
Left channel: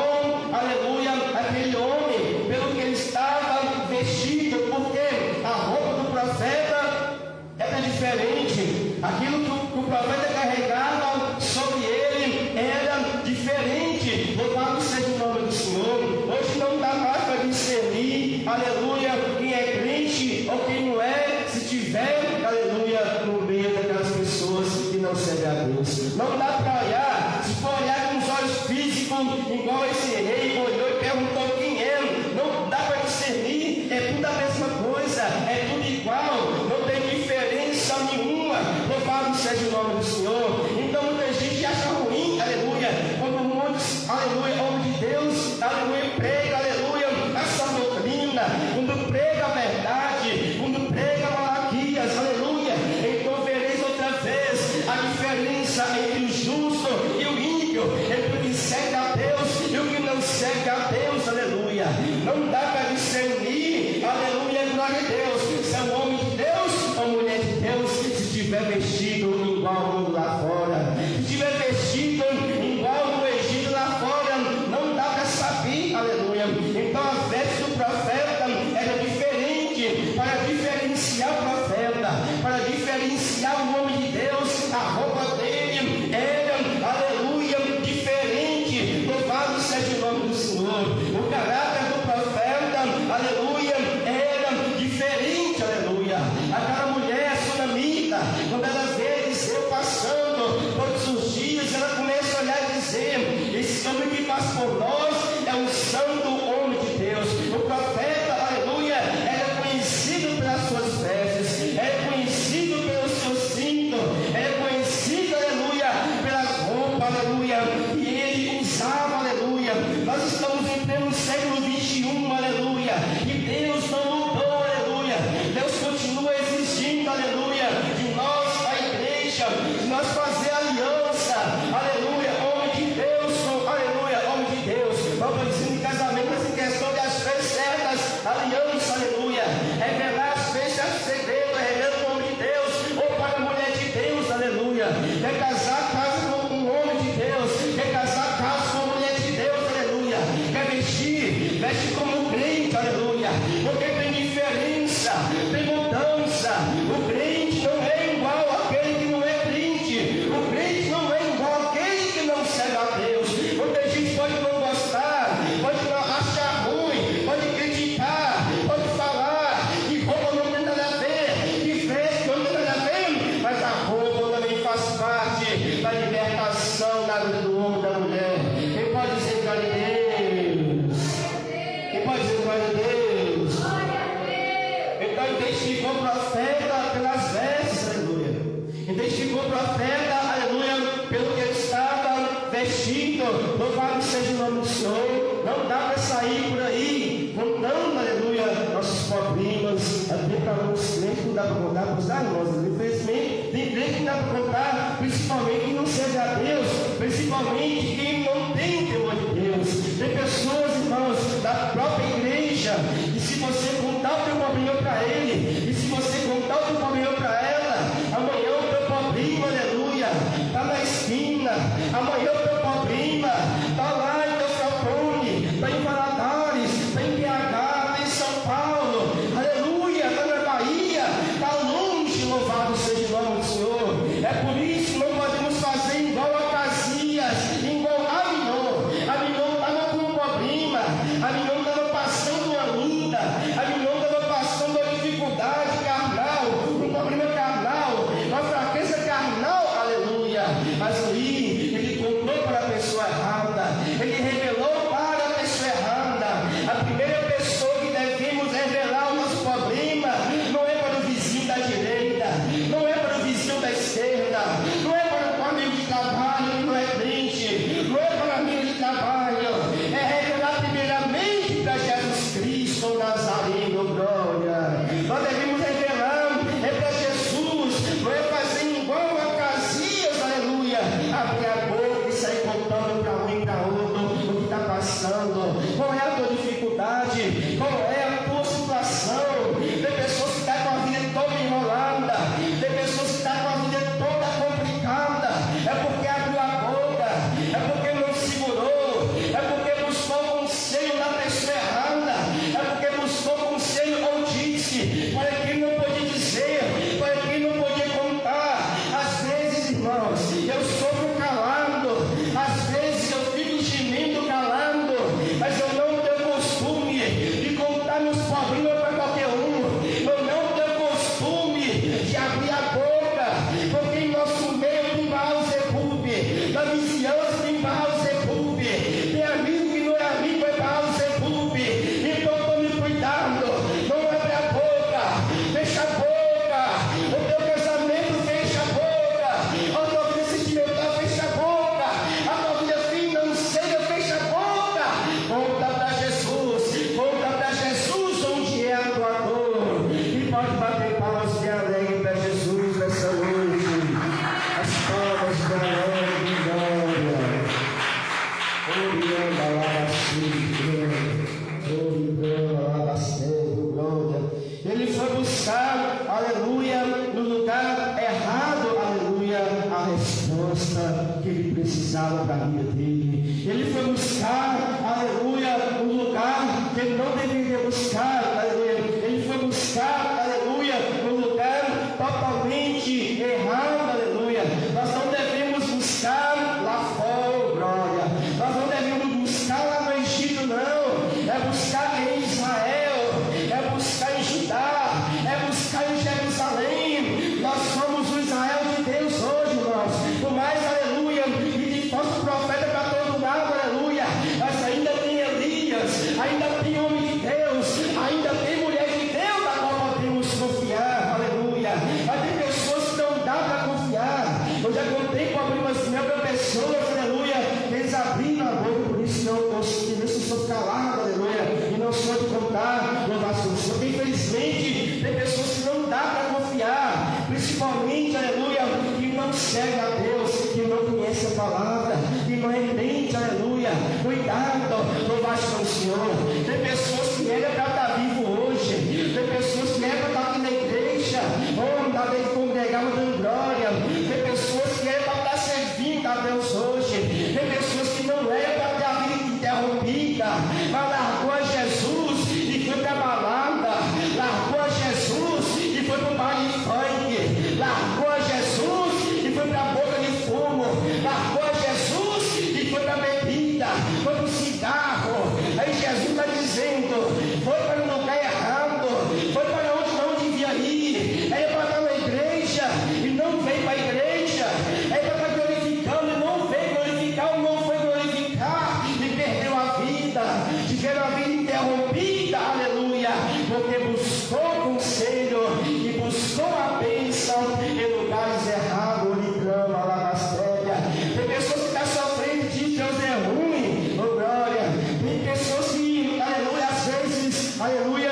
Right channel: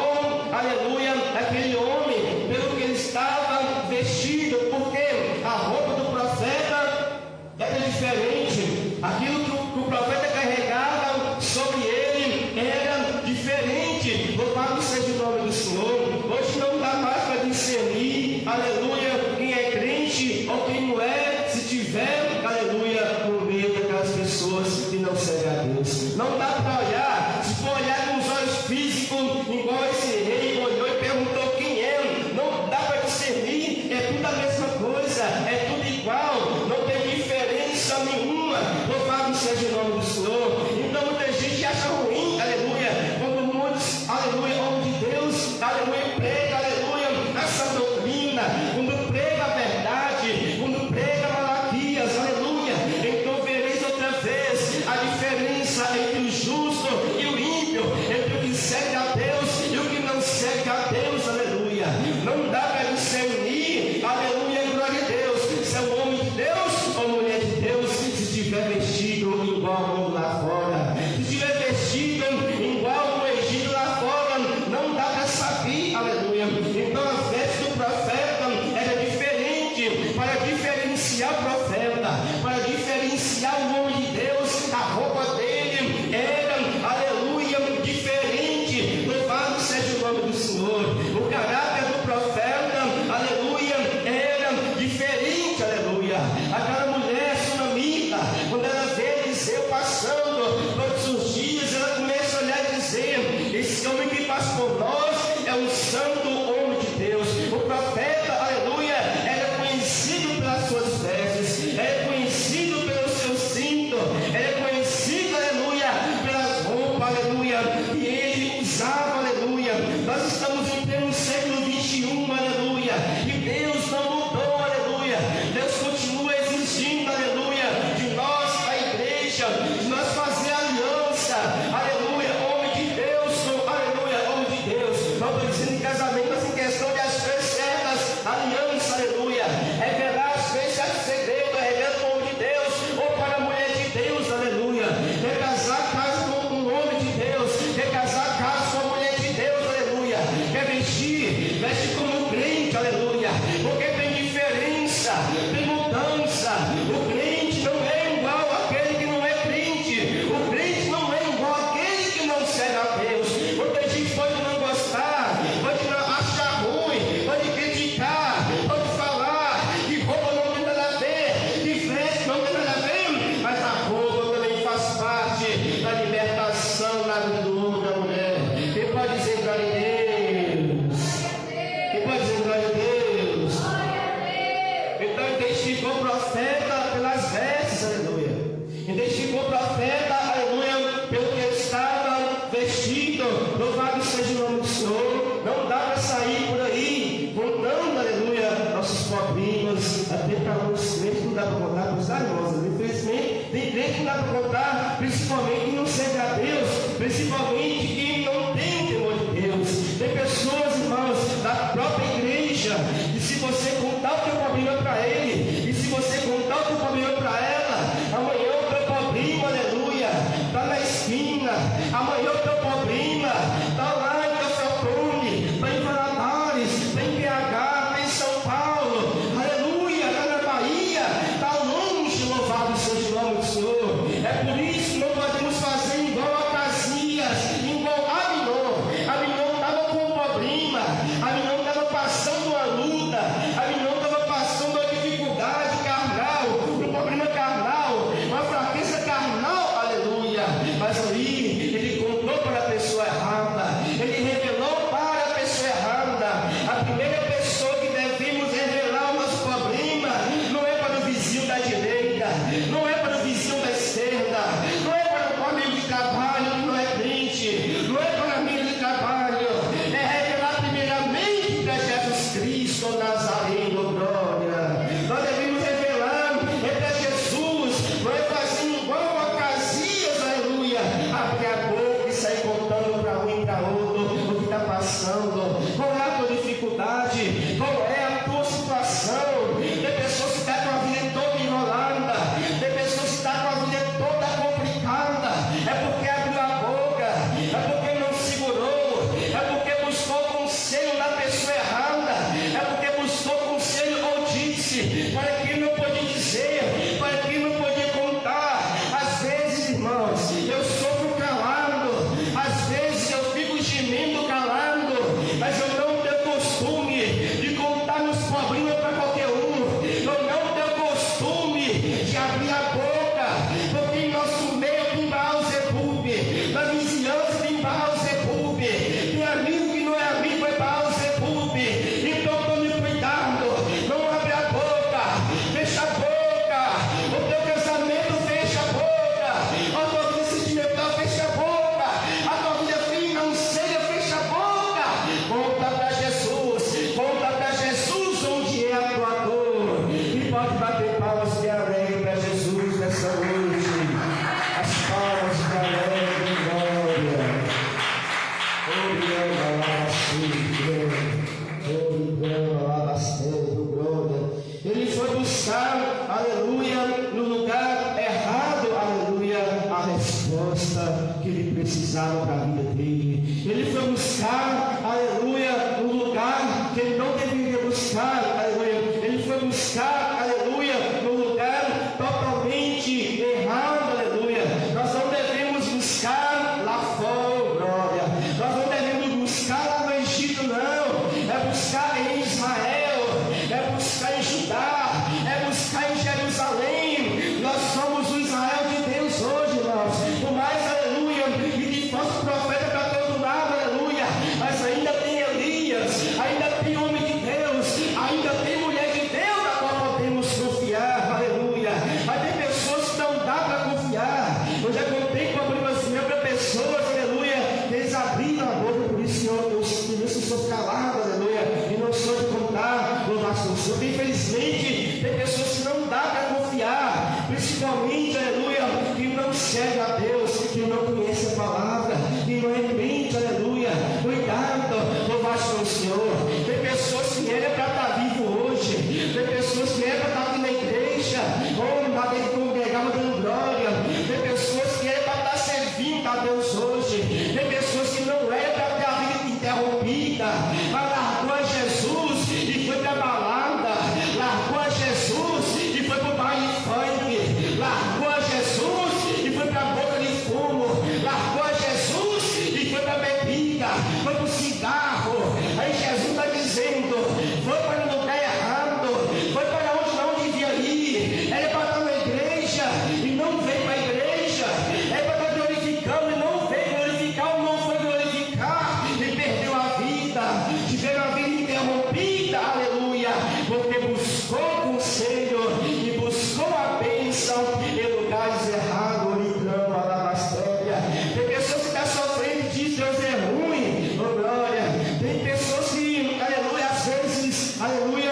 aleluia, aquele homem pelo que ele estava vestido, porque a roupa do profeta era diferente. Aquilo que o profeta carregava sobre ele era diferente. Louvado seja o nome do Senhor. Hoje não dá mais para discernir, aleluia, quem é crente ou quem não é, se tiver, aleluia, no meio daquelas pessoas que não servem a Deus. Não dá para olhar, se for olhar com os olhos físicos, igual esse rei olhou e perguntou quem é, não dá para discernir, é tudo a mesma coisa, é tudo igual, não tem diferença nenhuma. Louvado seja o nome do Senhor. Então muita gente acha ruim, aleluia, quando muitos, aleluia, homem de Deus, aleluia, prega, aleluia, essa doutrina, quando prega a verdade, quando prega Malaquias, aleluia, então vereis outra vez a diferença entre o justo e o ímpio, entre o que segue a Deus e o que não segue a Deus, aleluia. Não dá para discernir, aleluia, glória a Deus, se é um homem de Deus ou mulher de Deus, se estiver vestido igual ao mundo lá fora, se estiver vestido igual ao Egito lá fora, não dá para saber, aleluia. Então a veste do profeta era diferente, para diferenciar o profeta, para diferenciar o homem de Deus, a roupa dele era, aleluia, diferente. Louvado seja o nome do Senhor. O caráter do profeta, aleluia, era diferente, aleluia. Aquela mulher sunamita, quando ela vê Eliseu passando todos os dias, ela começa a olhar e dizer: esse homem que passa por nós é um santo homem de Deus. O profeta, aleluia, era conhecido pelas suas vestes, era conhecido pelo seu cinto, era conhecido, aleluia, pelas roupas, aleluia, que ele usava, aleluia. Nós estamos em pleno século 21, aleluia, e Deus não mudou, aleluia. Deus continua exigindo, aleluia, de nós, a igreja, de nós fazer aliança, aleluia, homem de Deus, aleluia, homem de Deus. Não estou dizendo em casamento, mas em questão de as coisas certas, aliança, aleluia, revelar as deixas segredo, revela o homem de Deus, ou para a mulher de Deus, aleluia. Quer casar, casa com um homem de Deus, quer casar, casa com uma mulher de Deus, aleluia. Quer vestir, veste como um crente, aleluia, porque tem diferença, tem mudança. O crente não é igual àquele que não é crente, o crente não é igual àquele que não serve a Deus. Muita gente pode não gostar, pode achar ruim, pode criticar, pode falar que roupa não tem nada a ver, que veste não tem nada a ver, mas a roupa também faz parte da libertação da vida do homem e da mulher. Quem pode dizer glória a Deus? Quem pode dizer glória a Deus? Então identificou o profeta pelas vestes, aleluia. Identificou o profeta, aleluia, pelo que ele estava vestido. Louvado seja o nome do Senhor. Não dá para sair por aí contando, aleluia, nossos problemas. Até para os crentes não dá para contar para os irmãos. Infelizmente, tem crente que não dá para contar, principalmente quem não serve a Deus, principalmente quem não tem o temor de Deus. Tem pessoas, irmãos, da própria igreja, e se você contar o teu problema para ele, e se você contar o teu problema para ela, amanhã o teu problema, aleluia, está na esquina, amanhã o teu problema está lá em Teoflotone, está em Valadares, está em BH, está em São Paulo, aleluia, está na Bahia, está longe, louvado seja o nome do Senhor. É por isso que não podemos fazer igual a Casias, igual a Aminon. Aminon estava com um problema, Aminon estava passando uma luta, ele foi buscar, aleluia, no lugar errado, aleluia, a resposta que ele precisava para a vida dele. Ele foi buscar, aleluia, no lugar que ele não deveria buscar, aleluia. Ele foi buscar, aleluia, no lugar totalmente errado, aleluia. Nós não devemos buscar lá fora, glória. Nós não devemos buscar lá no Egito, não. É buscar em Israel, é buscar em Judá, é buscar em Jerusalém. Nós somos o Israel de Deus hoje, irmãos. Por mais, aleluia, e que fosse profeta para todo lado, aleluia, mas ainda tem Elias, ainda tem homem de Deus, ainda tem mulher de Deus, na qual podemos confiar, aleluia. Mas tem pessoas que não dá para confiar. Eu já contei com algumas pessoas, aleluia, que eles abriram a boca, por isso eu sou calado, aleluia, e não sou de contar, louvar seu Senhor. Infelizmente, tem pessoas que não dá para confiar, principalmente, aleluia, que não serve a Deus, que não conhece a palavra, que não é crente, aleluia. Cuidado, louvar seu Senhor. Tem pessoas que era para estar vivo hoje, tem pessoas que era para estar aqui na igreja, ou não dá para congregar dando glória, tem pessoas que era para estar servindo a Deus hoje, tem pessoas que não era para estar a vida interrompida, mas largou a Jesus e foi para a balada, largou a Jesus e foi para o baile funk, largou a Jesus e foi para a boca de fumo, largou a Jesus e foi para a bebida, foi para o cigarro. Aí Jesus está dizendo, foi para o lugar errado, foi para onde não devia ir, era para estar na igreja e não veio para a igreja, era para estar glorificando e não veio glorificar, ou não foi glorificar e perdeu a vida, tiveram a vida interrompida, aleluia, porque buscou conselho e buscou a bênção em lugares errados, ligando a lavastéria. Tem pessoas que estão sofrendo de Deus é ruim, oh glória. Tem pessoas que, aleluia, às vezes, aleluia,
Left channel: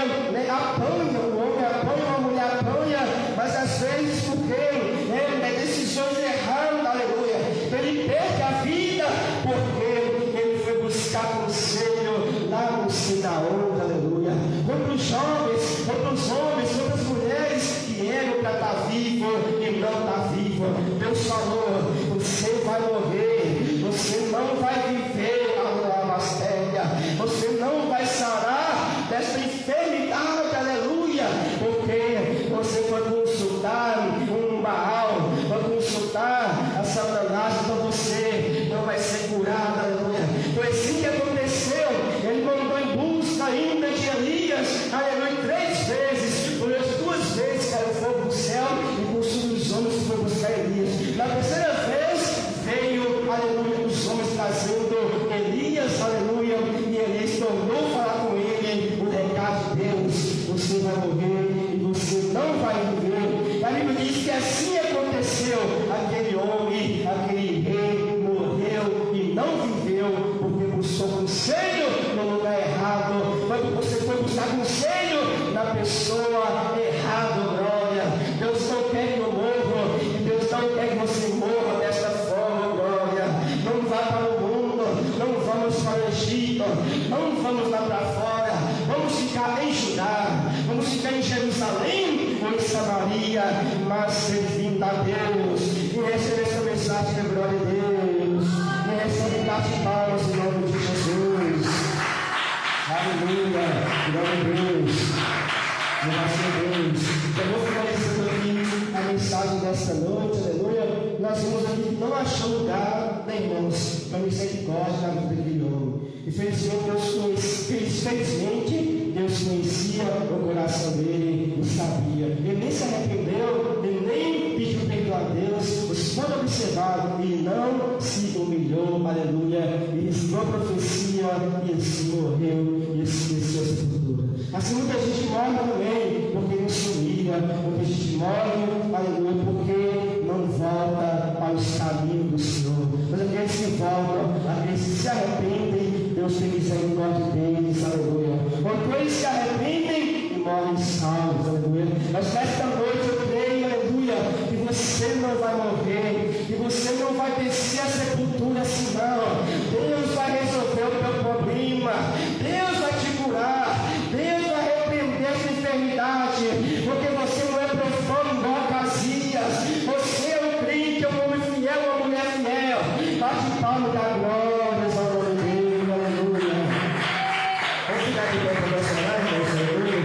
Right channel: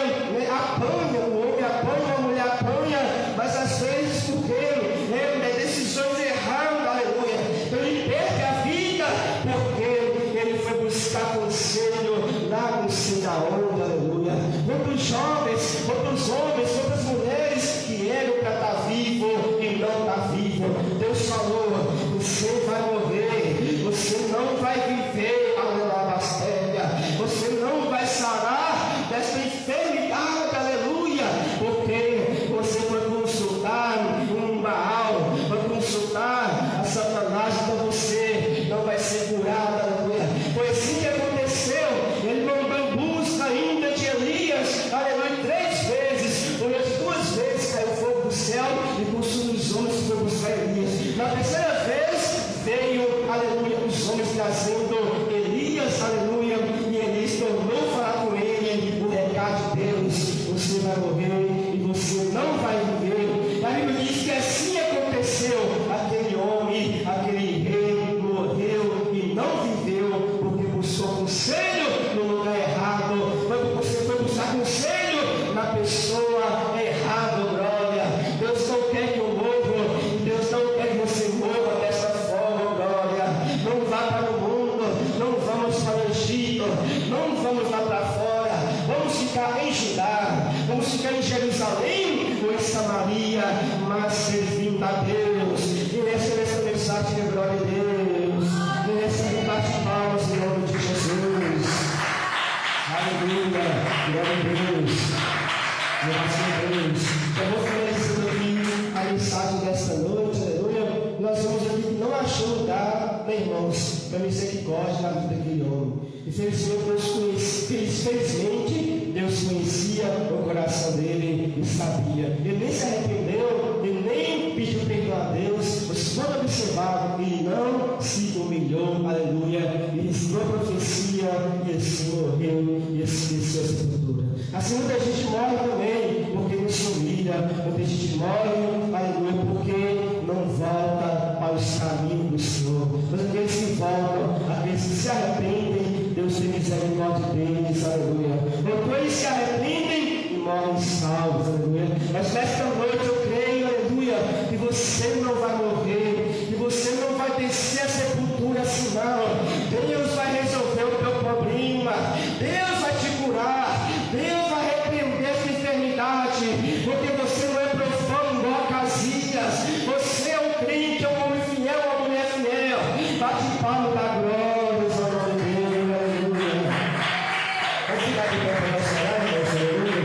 apanham, o homem apanha, a mulher apanha, mas às vezes porque é decisões erradas, aleluia. Então ele perde a vida porque ele foi buscar conselho lá no sei aonde, aleluia. Quantos jovens, quantos homens, quantas mulheres que eram para estar vivo e não está vivo. Deus falou, você vai morrer, você não vai viver a lavastéria, você não vai sarar desta enfermidade, aleluia, porque você foi consultar um Baal, foi consultar a Satanás, então você não vai ser curado, aleluia. Foi assim que aconteceu. Ele mandou em busca ainda de Elias, aleluia, 3 vezes, por as 2 vezes caiu fogo do céu e consumiu os homens que foi buscar Elias. Na terceira vez veio, aleluia, os homens trazendo Elias, aleluia, e Elias tornou falar com ele o recado de Deus: você vai morrer e você não vai viver. A Bíblia diz que assim aconteceu. Aquele homem, aquele rei morreu e não viveu porque buscou conselho no lugar errado. Você foi buscar conselho na pessoa errada, glória. Deus não quer que eu morra, Deus não quer que você morra desta forma, glória. Não vá para o mundo, não vamos para o Egito, não vamos lá para fora, vamos ficar em Judá, vamos ficar em Jerusalém ou em Samaria, mas servindo a Deus. E recebe essa mensagem da glória de Deus, e recebe bate palmas em nome de Jesus. Aleluia, glória a Deus, graças a Deus. Eu vou finalizando aqui a mensagem desta noite, aleluia. Nós vamos aqui que não achou lugar, nem irmãos, na misericórdia da vida daquele homem. Infelizmente, Deus conhecia o coração dele e sabia. Ele nem se arrependeu, ele nem pediu perdão a Deus. Vocês podem observar, ele não se humilhou, aleluia. Ele recebeu a profecia e assim morreu e esqueceu a sepultura. Assim muita gente morre também porque não se humilha, muita gente morre, aleluia, porque não volta para os caminhos do Senhor. Mas aqueles que voltam, aqueles que se arrependem, Deus tem misericórdia deles, aleluia. Quando eles se arrependem e morrem salvos, aleluia. Mas nesta noite eu creio, aleluia, que você não vai morrer, que você não vai descer a sepultura assim não. Deus vai resolver o teu problema, Deus vai te curar, Deus vai repreender essa enfermidade, intimidade, porque você não é profano igual Acasias. Você é um crente, é um homem fiel, uma mulher fiel. Bate palma da glória, ao nome dele, aleluia. Vamos ficar aqui para o nosso lar, aleluia.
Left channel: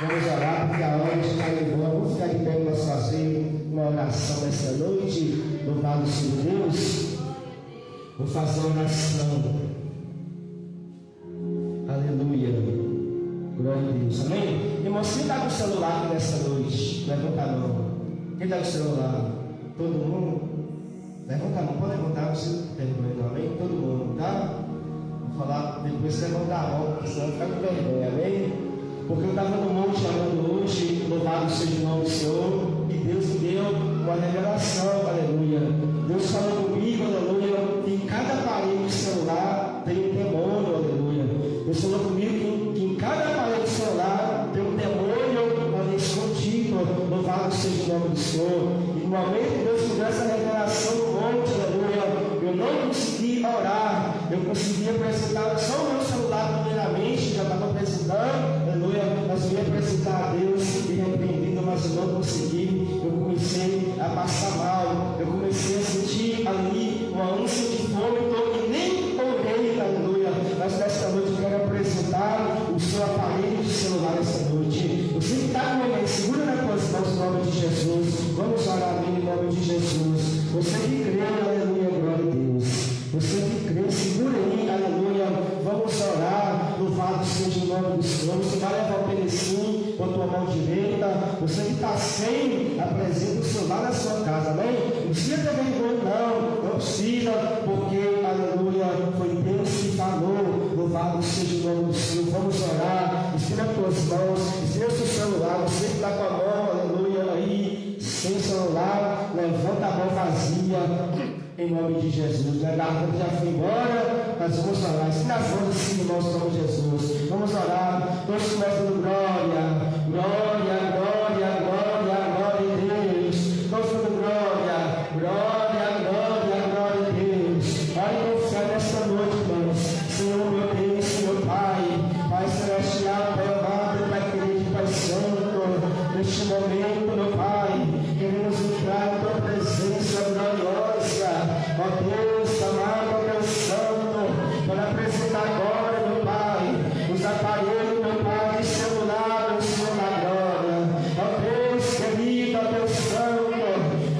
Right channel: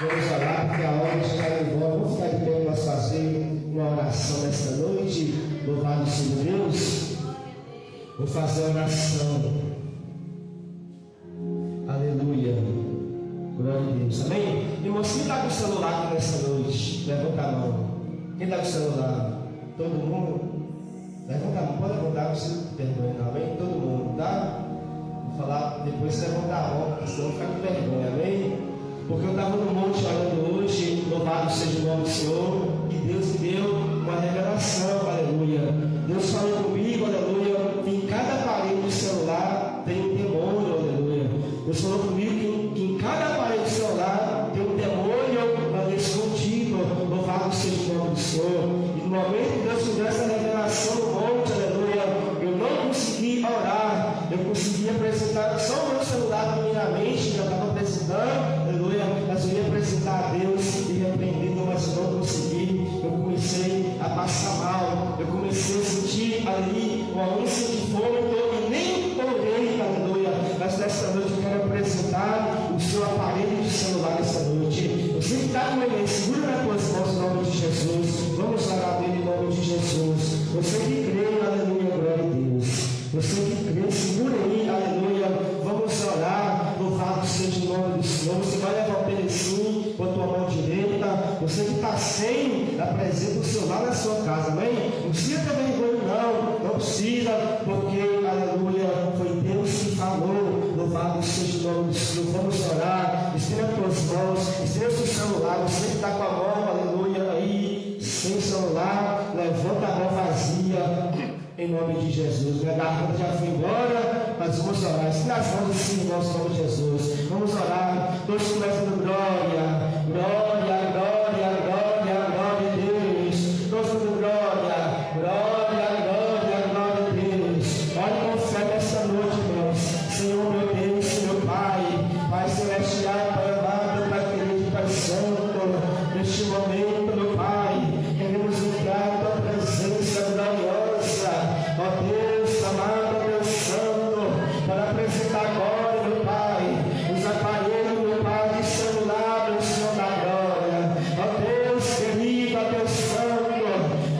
Vamos orar, porque a hora já está levando. Vamos ficar de pé para nós fazer uma oração nessa noite. Louvado seja Deus. Vou fazer uma oração. Aleluia. Glória a Deus. Amém? Irmão, quem está com o celular nessa noite? Levanta a mão. Quem está com o celular? Todo mundo? Levanta a mão. Pode levantar, não precisa ter vergonha, não. Amém? Todo mundo, tá? Vou falar depois, levantar a mão, senão fica com vergonha. Amém? Porque eu estava no monte orando hoje. Louvado seja o nome do Senhor. E Deus me deu uma revelação. Aleluia. Deus falou comigo, aleluia, que em cada parede do celular tem um demônio, aleluia. Deus falou comigo que em cada parede do celular tem um demônio escondido. Louvado seja o nome do Senhor. E no momento que Deus me deu essa revelação no monte, aleluia, eu não consegui orar. Eu consegui apresentar só o meu celular primeiramente, já estava apresentando, aleluia, mas eu ia apresentar a Deus e repreendido, mas eu não consegui. Eu comecei a passar mal, eu comecei a sentir ali uma ânsia de vômito e nem orei, aleluia. Mas nesta noite eu quero apresentar o seu aparelho de celular esta noite. Você que está com alguém, segura nas tuas mãos em nome de Jesus. Vamos orar nele em nome de Jesus. Você que crê, aleluia, glória a Deus. Você que crê, segura aí, aleluia. Vamos orar, louvado seja o nome do Senhor. Você vai levar o pedacinho com a tua mão direita. Você que está sem, apresenta o celular na sua casa, amém? Não precisa ter vergonha, não precisa, porque, aleluia, foi Deus que falou. Louvado seja o nome do Senhor. Vamos orar, estenda as tuas mãos, estenda o seu celular. Você que está com a mão, aleluia, aí, sem celular, levanta a mão vazia. Em nome de Jesus. Minha garganta já foi embora, mas vamos orar. Estenda as mãos assim no nosso nome de Jesus. Vamos orar. Todos começando glória, glória, glória, glória, glória a Deus. Todos dando glória, glória, glória, glória a Deus. Ore com fé nesta noite, irmãos. Senhor, meu Deus, Senhor Pai, Pai Celestial, Pai amado, Pai querido, Pai Santo, neste momento, meu Pai, queremos entrar em tua presença gloriosa. Ó Deus, amado, ó Deus Santo, para apresentar agora, meu Pai, os aparelhos, meu Pai, de celular, meu Senhor da glória. Ó Deus querido, ó Deus Santo,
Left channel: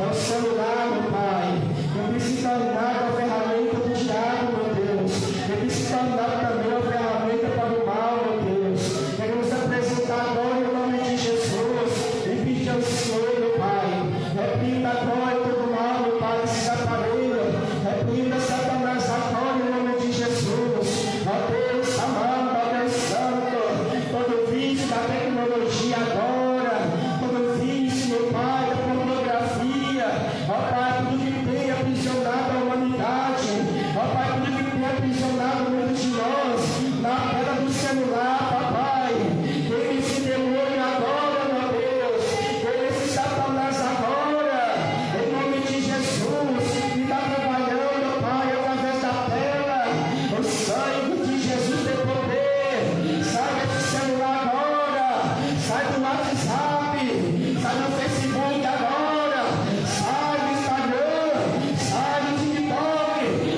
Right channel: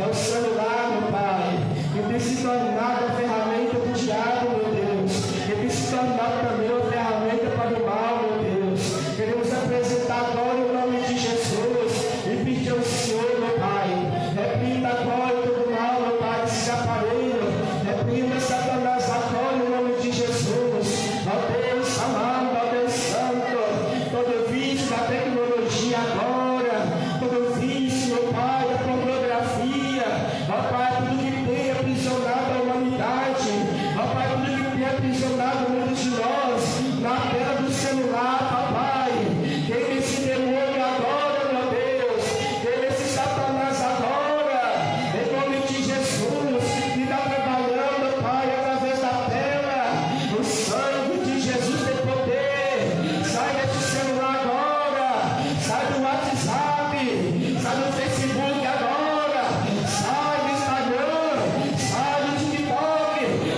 é o celular, meu Pai, que tem se tornado a ferramenta do diabo, meu Deus, que tem se tornado também uma ferramenta para o mal, meu Deus. Queremos apresentar agora em nome de Jesus e pedir ao Senhor, meu Pai, repreenda agora todo mal, meu Pai, esses aparelhos. Repreenda Satanás agora em nome de Jesus. Ó Deus amado, ó Deus Santo, todo vício da tecnologia agora, todo vício, meu Pai, da pornografia, ó Pai, tudo que tem aprisionado a humanidade, ó Pai, tudo que tem aprisionado muitos de nós, na tela do celular, papai, tem esse demônio agora, meu Deus, tem esse Satanás agora, em nome de Jesus, que está trabalhando, Pai, através da tela. O sangue de Jesus tem poder. Sai desse celular agora. Sai do WhatsApp. Sai do Facebook agora. Sai do Instagram. Sai do TikTok.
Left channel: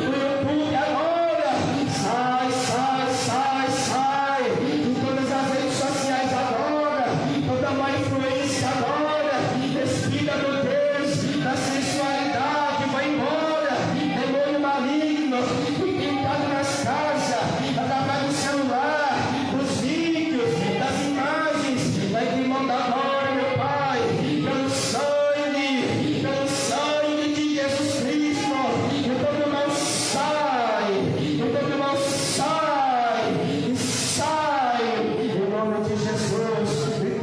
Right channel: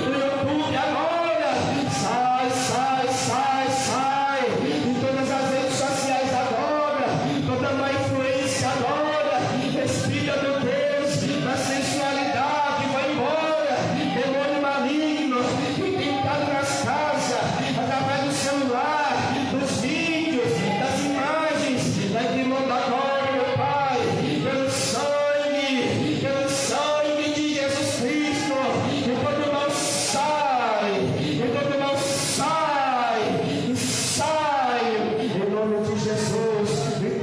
Do YouTube agora. Sai, sai, sai, sai. De todas as redes sociais agora. Toda má influência agora. Respira, meu Deus, a sensualidade vai embora. Demônio maligno que tem entrado nas casas, através do celular, dos vídeos, das imagens, vai demandar agora, meu Pai, pelo sangue de Jesus Cristo. Todo mal sai, todo mal sai, sai, em nome de Jesus.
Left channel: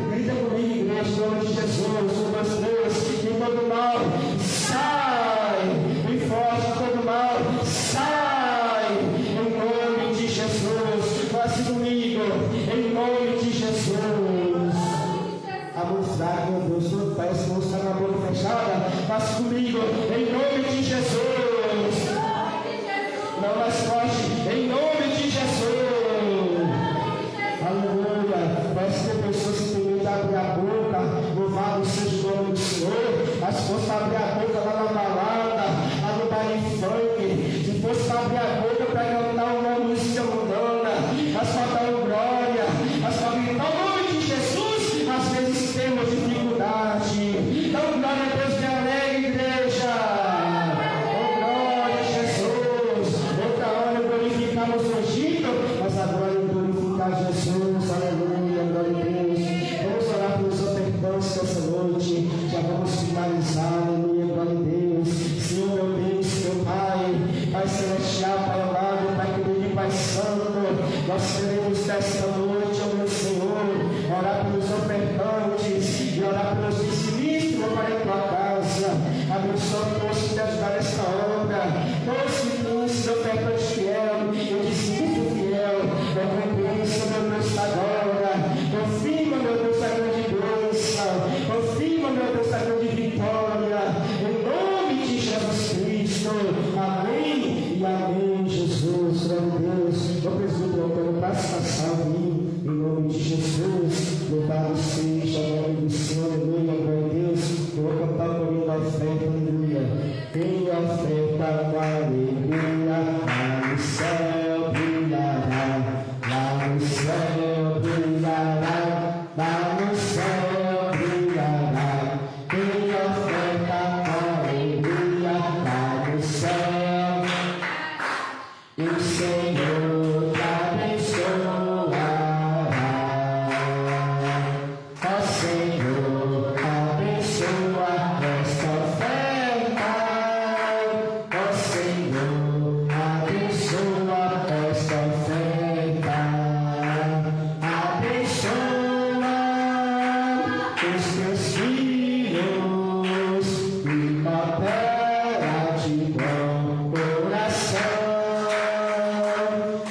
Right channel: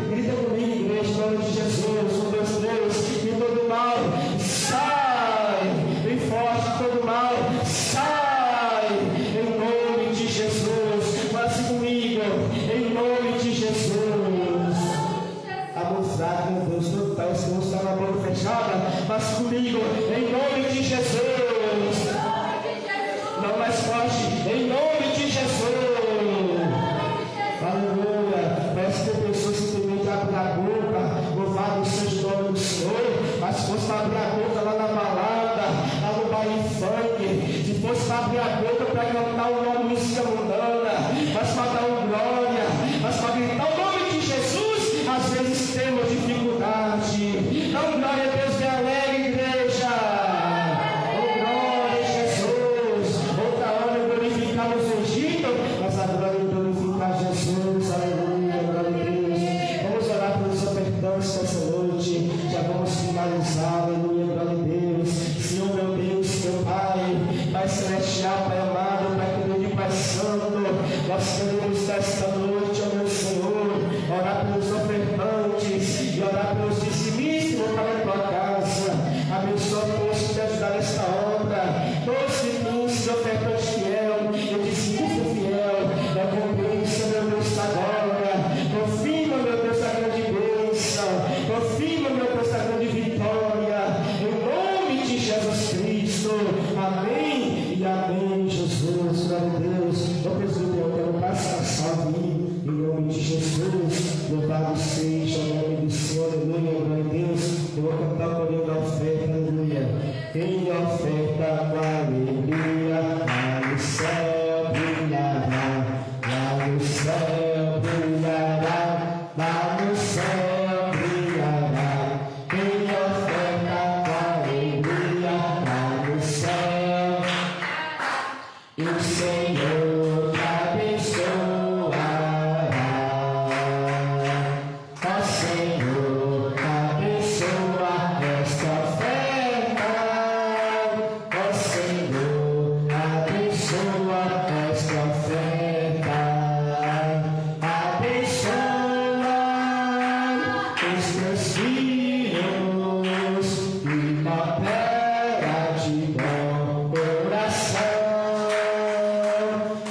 Grita comigo, em nome de Jesus, o nosso Deus, que todo mal sai, bem forte, todo mal sai, em nome de Jesus. Faça comigo, em nome de Jesus. A mão fraca, meu Deus, parece que você está com a mão fechada. Faça comigo, em nome de Jesus. Não mais forte, em nome de Jesus. Aleluia. Parece que tem pessoas que simplesmente abrir a boca, louvado seja o nome do Senhor. Mas se fosse para abrir a boca lá na balada, lá no baile funk, se fosse para abrir a boca para cantar uma música mundana, mas para dar um glória, mas para gritar o nome de Jesus, às vezes temos dificuldade. Então, glória a Deus, me alegre, igreja. Oh, glória a Jesus. Outra hora glorificamos o Egito, mas agora glorificar Jesus. Aleluia, glória a Deus. Vamos orar pelos ofertantes dessa noite. Já vamos finalizar. Aleluia, glória a Deus. Senhor, meu Deus, meu Pai, Pai celestial, Pai amado, Pai querido e Pai santo, nós queremos desta noite, ó meu Senhor, orar pelos ofertantes e orar pelos dizimistas para a tua casa. Abençoa todos que te ajudar nesta obra, todos que têm ofertantes fiel e dizimista fiel, recompensa, meu Deus, da glória. Confirma, meu Deus, a grande bênção, confirma, meu Deus, a grande vitória, em nome de Jesus Cristo. Amém e amém, Jesus. Glória a Deus. Ó presbítero, eu quero passar em mim, em nome de Jesus. Louvado seja o nome do Senhor. Aleluia, glória a Deus. Eu vou cantar o corinho da oferta. Aleluia. Em oferta da alegria, lá no céu brilhará, lá no céu brilhará, lá no céu brilhará. Em oferta da alegria, lá no céu, e o Senhor te abençoará. Ó Senhor, abençoa esta oferta. Ó Senhor, abençoa esta oferta. Abençoa os teus filhos e papel de bom coração.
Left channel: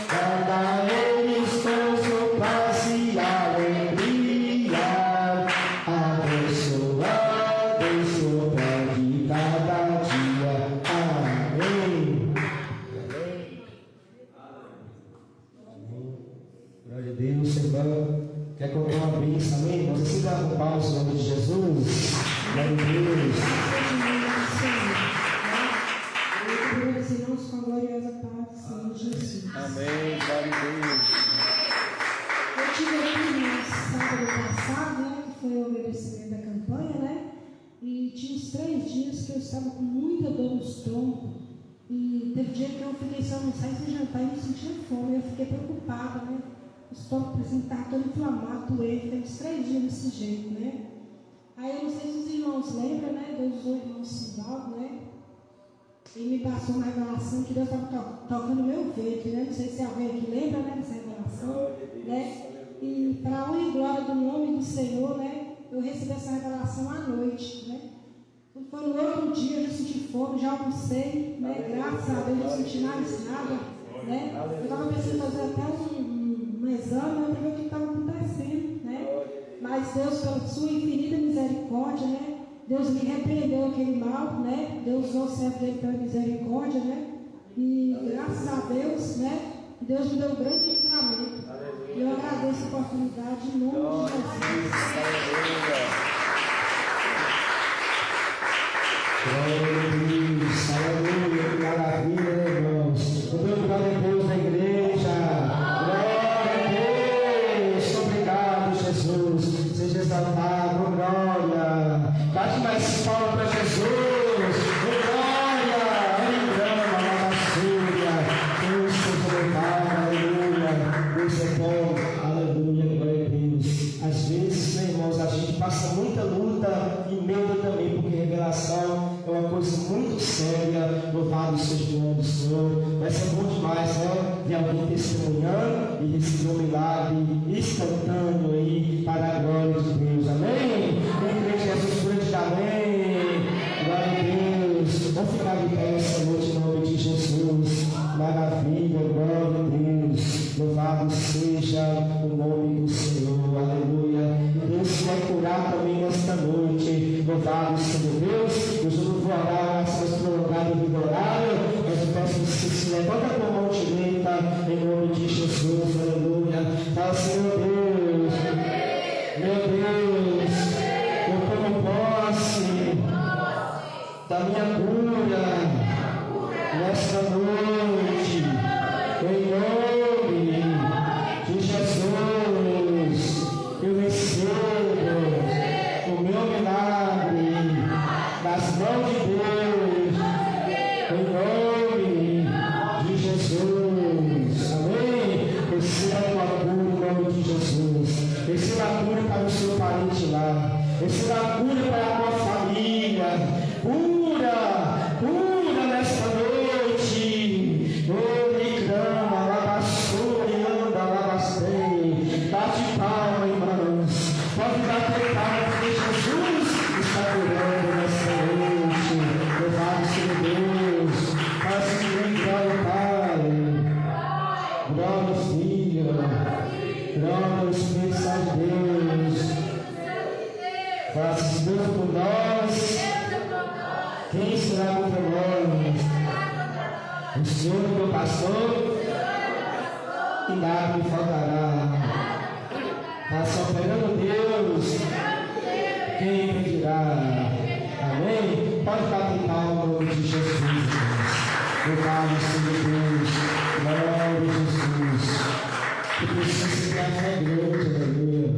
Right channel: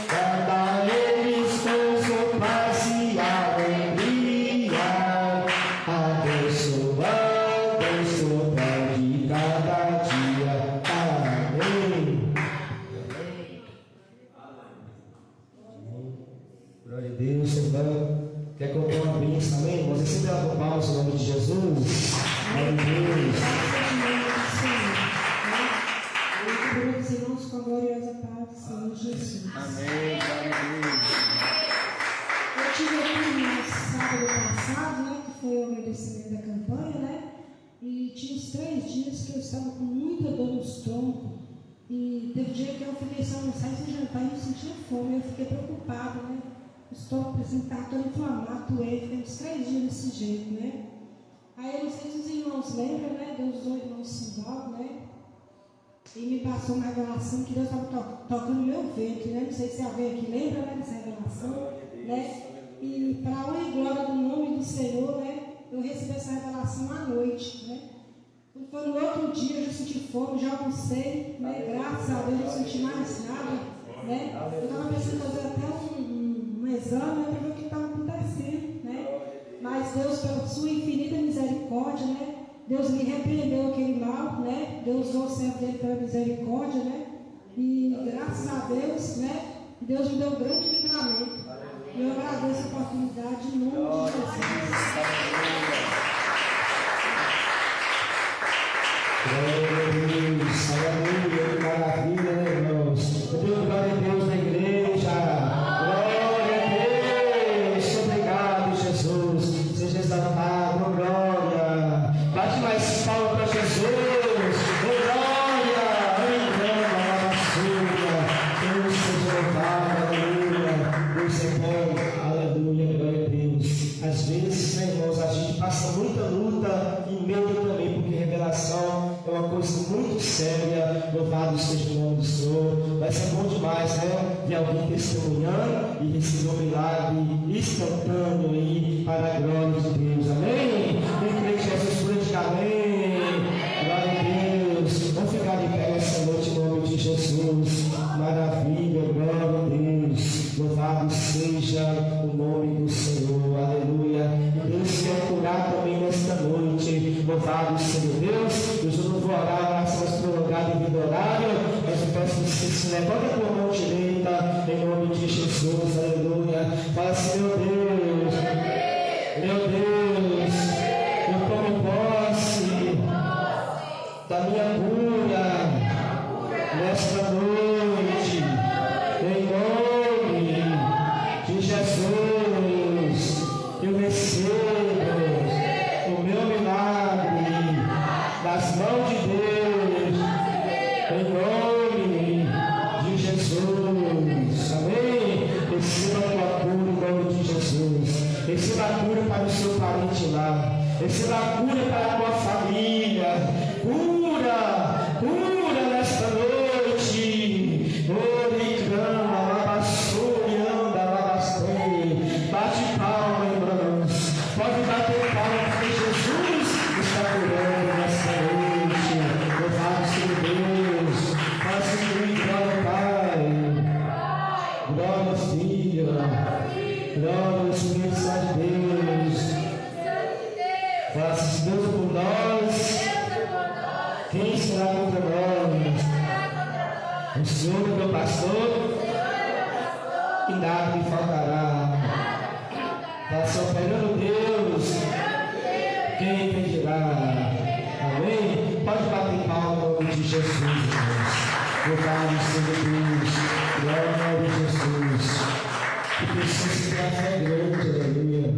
Cada eles com paz e alegria, abençoando o pé de cada dia. Amém. Glória a Deus, Senhor. Quer colocar uma bênção, amém? Você se dá com palmas no nome de Jesus. Glória a Deus. Eu os irmãos com a gloriosa paz do Senhor Jesus. Amém, glória a Deus. Eu tive aqui no sábado passado, né, que foi o obedecimento da campanha, né? E tinha uns 3 dias que eu estava com muita dor no estômago. E teve dia que eu falei, se eu não sair do jantar e não sentia fome, eu fiquei preocupada, né? O estômago estava todo inflamado, doente, tem uns 3 dias desse jeito, né? Aí eu não sei se os irmãos lembram, né? Deus usou o irmão Simvaldo, né? E me passou uma revelação que Deus estava tocando meu ventre, né? Não sei se alguém aqui lembra, né, dessa revelação, né? E para a honra e glória do nome do Senhor, né? Eu recebi essa revelação à noite, né? Quando foi no outro dia, eu já senti fome, já almocei, né? Graças a Deus, não senti mais nada, né? Eu estava pensando em fazer até um exame, né, para ver o que estava acontecendo, né? Mas Deus, pela sua infinita misericórdia, né? Deus me repreendeu aquele mal, né? Deus usou o servo dele pela misericórdia, né? E graças a Deus, né? Deus me deu um grande livramento. E eu agradeço a oportunidade em nome de Jesus. Glória a Deus, aleluia, que maravilha, né, irmãos? Eu dou glória a Deus na igreja. Glória a Deus, obrigado, Jesus. Seja exaltado, glória. Bate mais palmas para Jesus. Glória, aleluia, Deus seja louvado, aleluia. Deus é bom, aleluia, glória a Deus. Às vezes, né, irmãos, a gente passa muita luta e medo também, porque revelação é uma coisa muito séria. Louvado seja o nome do Senhor. Vai ser bom demais, né? Ver alguém testemunhando e receber um milagre instantâneo aí para a glória de Deus. Amém? Quem crê que Jesus grande, amém. Glória a Deus. Vamos ficar de pé essa noite em nome de Jesus. Maravilha, glória a Deus. Louvado seja o nome do Senhor. Aleluia. E Deus quer curar também nesta noite. Louvado seja Deus. Eu não vou orar, mas prolongado devido ao horário. Mas eu peço que você se levanta com a mão direita em nome de Jesus. Aleluia. Fala, Senhor Deus. Meu Deus, eu tomo posse da minha cura nesta noite, em nome de Jesus. Eu recebo o meu milagre das mãos de Deus, em nome de Jesus. Amém? Receba a tua cura em nome de Jesus. Receba a cura para o seu parente lá. Receba a cura para a tua família. Cura, cura nesta noite. Ore, clama, lavassou, anda, lavastei. Bate palma, irmãos. Pode bater palma, porque Jesus está curando nesta noite. Louvado seja Deus. Faça que glória, Pai. Glória, Filho. Glória ao Espírito Santo de Deus. Faça Deus por nós. Quem será contra nós? O Senhor é meu pastor e nada me faltará. Está só apoiando Deus. Quem impedirá? Amém? Pode bater palma em nome de Jesus, irmãos. Louvado seja Deus. Glória a Jesus. Eu preciso ter uma fé grande, aleluia.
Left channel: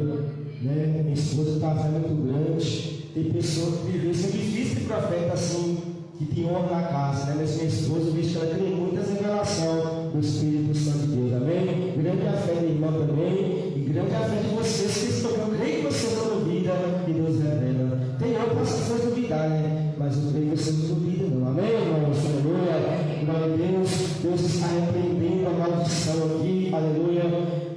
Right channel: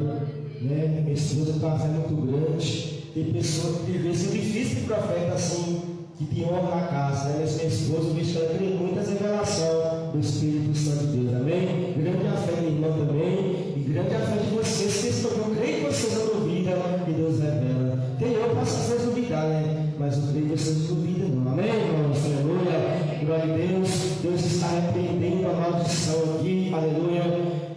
Minha esposa tem uma fé muito grande. Tem pessoas que vivem esse difícil de profeta assim, que tem honra na casa, né? Mas minha esposa, eu vejo que ela tem muitas revelações do Espírito Santo de Deus, amém? Grande a fé da irmã também, e grande a fé de vocês que estão, eu creio que vocês não duvidam que Deus revela. Tem eu, posso vocês duvidar, né? Mas eu creio que vocês não duvidam, não, amém, irmãos? Aleluia, glória a Deus. Deus está repreendendo a maldição aqui, aleluia.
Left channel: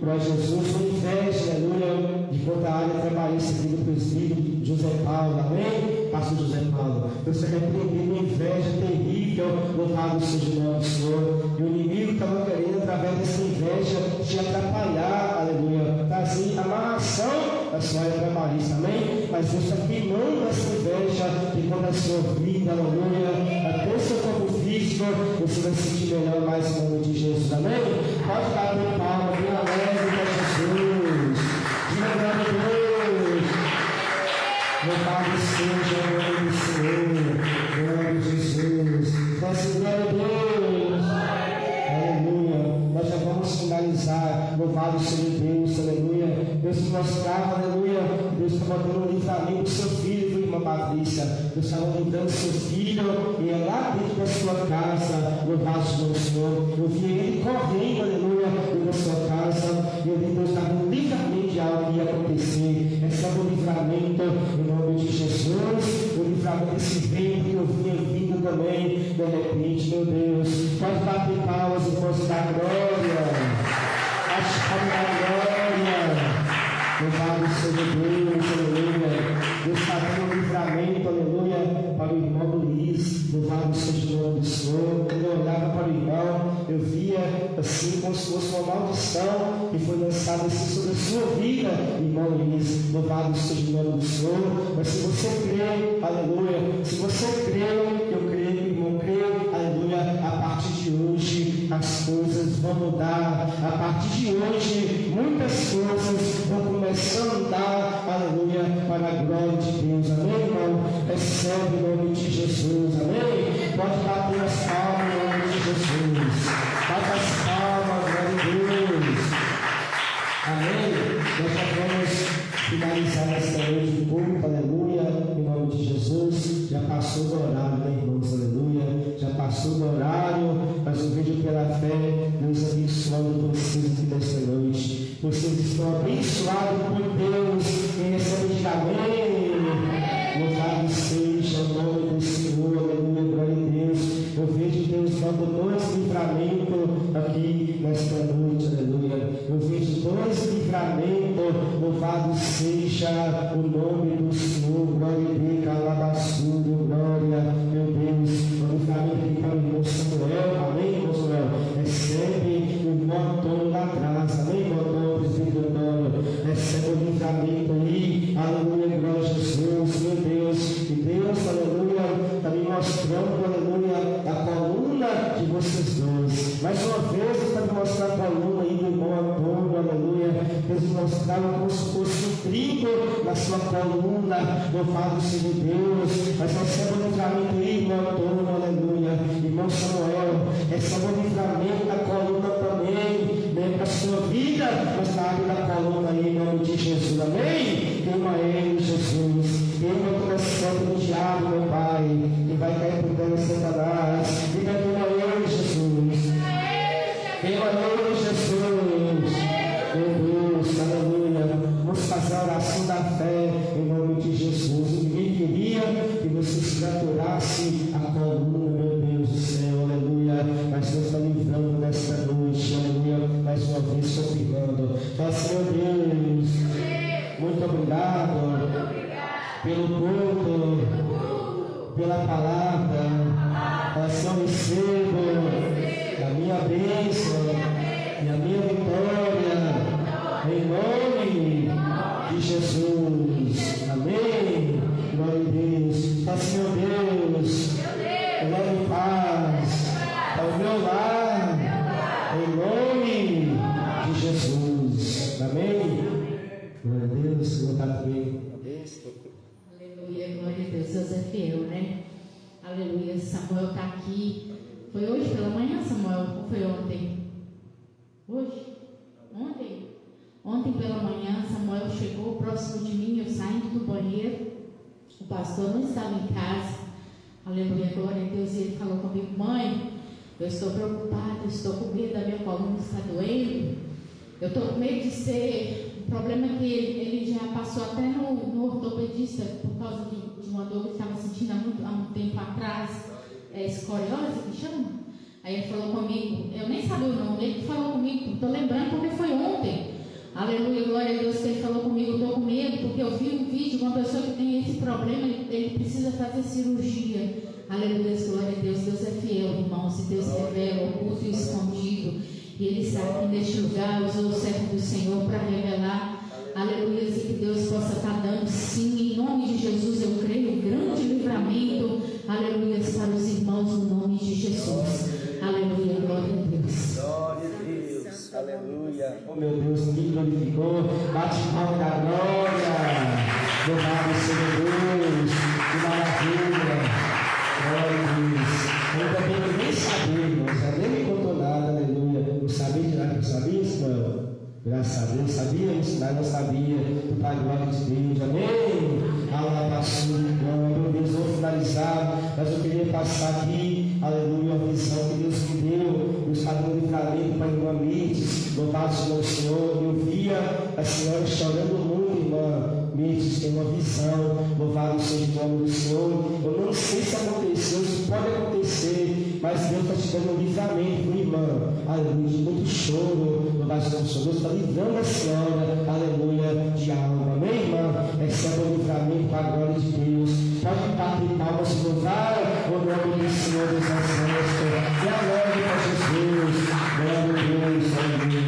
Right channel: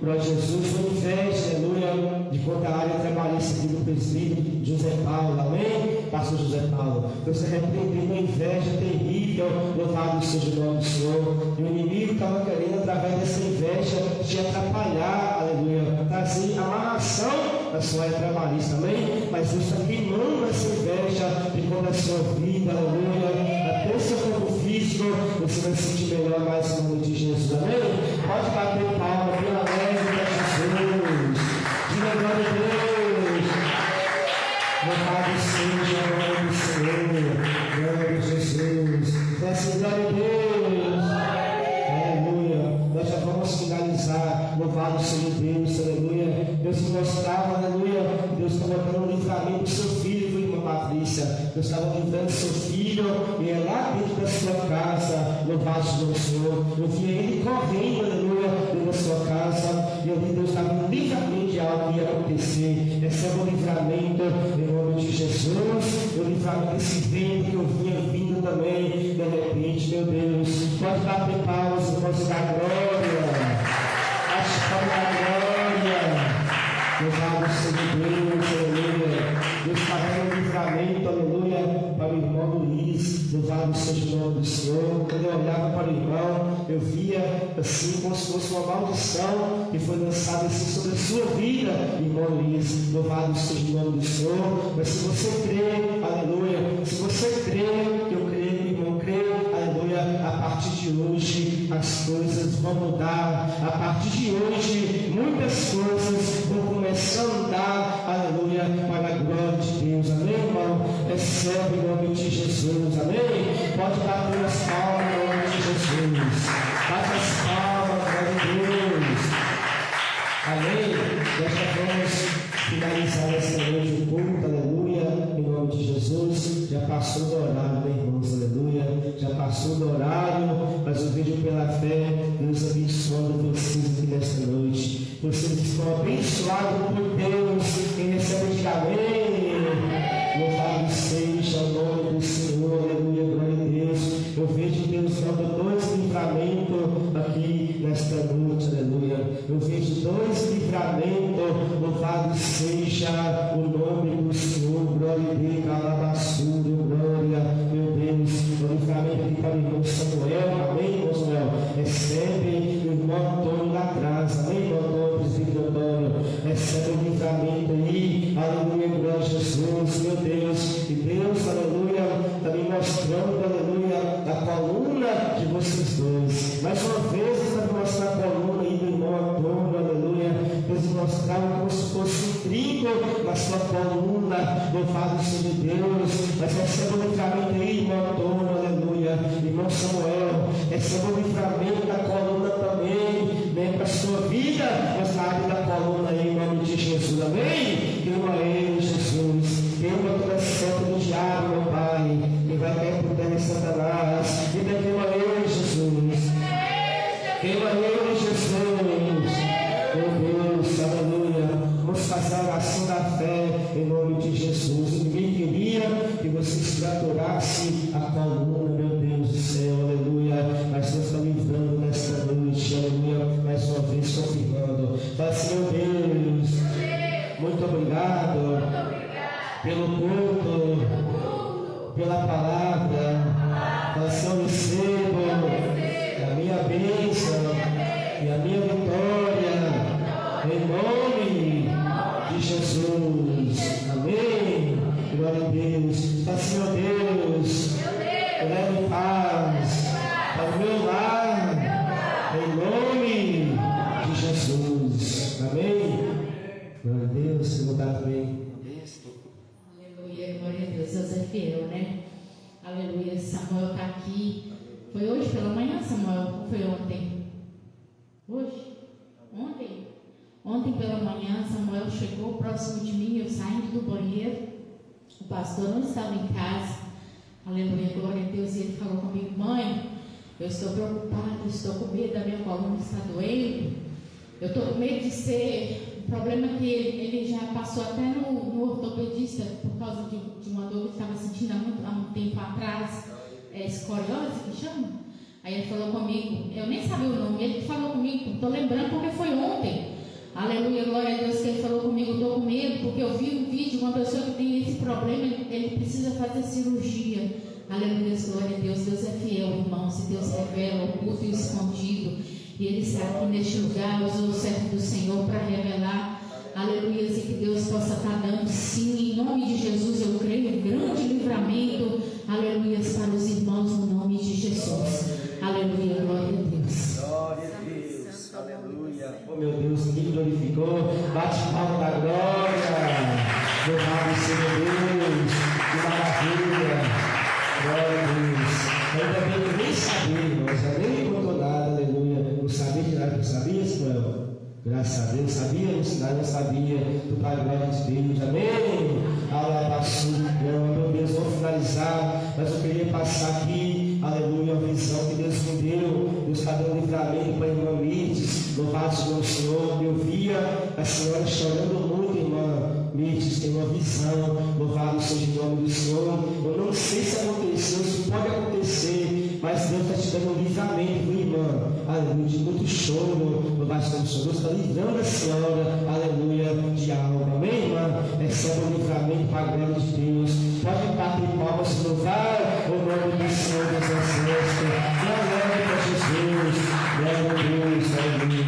Glória a Jesus, foi inveja, aleluia, de contra a área trabalhista aqui do presbítero José Paulo, amém? Pastor José Paulo, Deus está repreendendo uma inveja terrível, louvado seja o nome do Senhor. E o inimigo estava querendo, através dessa inveja, te atrapalhar, aleluia, trazer amarração da sua área trabalhista, amém? Mas Deus está queimando essa inveja de contra a sua vida, aleluia, até o seu corpo físico, você vai se sentir melhor mais em nome de Jesus, amém? Pode bater palma, pela alegre de Jesus, diga glória a Deus, louvado seja o nome do Senhor, glória a Jesus, desce glória a Deus, aleluia. Nós já vamos finalizar, louvado seja Deus, aleluia. Deus te mostrava, aleluia, Deus está botando um livramento do seu filho, viu, irmã Patrícia? Deus estava livrando seu filho, e é lá dentro da sua casa, louvado seja o Senhor. Eu vi ele correndo, aleluia, dentro da sua casa, e eu vi Deus estava um livramento de algo que ia acontecer. Recebe o livramento em nome de Jesus, o livramento desse vento que eu vinha vindo também, de repente, meu Deus. Pode bater palmas, irmãos, da glória. Bate palmas da glória. Louvado seja Deus, aleluia. Deus está dando um livramento, aleluia, para o irmão Luiz. Louvado seja o nome do Senhor. Quando eu olhava para o irmão, eu via assim como se fosse uma maldição que foi lançada assim sobre a sua vida, irmão Luiz. Louvado seja o nome do Senhor. Mas se você crê, aleluia, se você crê, eu creio, irmão, creio, aleluia, a partir de hoje as coisas vão mudar. A partir de hoje muitas coisas vão começar a andar, aleluia, para a glória de Deus, amém, irmão? Recebe o nome de Jesus, amém? Pode bater as palmas em nome de Jesus, bate as palmas, glória a Deus, amém? Nós já vamos finalizar esta noite de culto, aleluia, em nome de Jesus. Já passou do horário, né, irmãos, aleluia, já passou do horário, mas eu vejo pela fé Deus abençoando vocês aqui nesta noite. Vocês estão abençoados por Deus. Quem recebe, diga amém. Louvado seja o nome do Senhor, aleluia, glória a Deus. Eu vejo Deus dando dois livramentos aqui nesta noite, aleluia. Eu vejo dois livramentos, louvado seja o nome do Senhor, glória a Deus, calabaçudo, glória, meu Deus. O livramento aqui para o irmão Samuel, amém, irmão Samuel. Recebe o irmão Antônio da Graça, amém, irmão Antônio, presbítero Antônio. Recebe o livramento aí, aleluia, glória a Jesus, meu Deus. E Deus, aleluia, está me mostrando, aleluia, a coluna de vocês dois. Mais uma vez, está me mostrando a coluna aí do irmão Antônio, aleluia. Deus me mostrava como se fosse um trigo na sua coluna, louvado seja Deus. Nós recebemos o livramento aí, irmão Antônio, aleluia. Irmão Samuel, recebemos o livramento da coluna também, nem para a sua vida, mas na área da coluna aí, em nome de Jesus, amém? Queima ele, Jesus, queima toda a santa do diabo, meu Pai, que vai cair por terra em Satanás, e queima ele, Jesus, queima ele, Jesus, meu Deus, aleluia. Vamos fazer a oração da fé em nome de Jesus. Ninguém queria que você se fraturasse a coluna, meu Deus do céu, aleluia. Mas Deus está livrando nesta noite, aleluia. Mais uma vez confirmando. Mas, meu Deus, muito obrigado pelo culto, pela palavra. Mas eu recebo a minha bênção e a minha vitória. Em nome de Jesus, amém. Glória a Deus. Peço, meu Deus, eu levo paz para o meu lar, em nome de Jesus, amém. Glória a Deus, se botar também. Aleluia, glória a Deus. Deus é fiel, né? Aleluia. Samuel está aqui. Foi hoje pela manhã, Samuel? Ou foi ontem? Hoje? Ontem? Ontem pela manhã, Samuel chegou próximo de mim, eu saindo do banheiro, o pastor não estava em casa, aleluia, glória a Deus, e ele falou comigo: mãe, eu estou preocupada, estou com medo, da minha coluna está doendo, eu estou com medo de ser, o problema é que ele já passou até no ortopedista, por causa de uma dor que ele estava sentindo há um tempo atrás, escoliose que chama. Aí ele falou comigo, eu nem sabia o nome, ele falou comigo, estou lembrando porque foi ontem. Aleluia, glória a Deus, que ele falou comigo, estou com medo, porque eu vi um vídeo de uma pessoa que tem esse problema, ele precisa fazer cirurgia. Aleluia, glória a Deus, Deus é fiel, irmãos, e Deus revela o oculto e o escondido, e Ele está aqui neste lugar, usou o servo do Senhor para revelar, aleluia, e que Deus possa estar dando, sim, em nome de Jesus, eu creio, grande livramento, aleluia, para os irmãos, no nome de Jesus, aleluia, glória a Deus. Glória a Deus, aleluia. Oh meu Deus, me glorificou, bate palma da glória, louvado seja Deus, que maravilha, glória a Deus. Eu também nem sabia, mas nem me contou nada, aleluia. Eu sabia de nada, eu sabia, irmão. Graças a Deus, sabia, não sabia, do Pai glória de Deus, amém. Meu Deus, vou finalizar, mas eu queria passar aqui, aleluia, a visão que Deus me deu. Deus está dando livramento para a irmã Mirtes, louvado seja o Senhor. Eu via a senhora chorando muito, irmã Mirtes, tem uma visão, louvado seja o nome do Senhor. Eu não sei se aconteceu, isso pode acontecer, mas Deus está te dando um livramento, irmã, aleluia, de muito choro, louvado seja o Senhor. Deus está livrando a senhora, aleluia, de alma, amém, irmã? Receba um livramento para a glória de Deus. Pode bater palmas e louvar o nome do Senhor das nações. Glória para Jesus, glória a Deus, amém,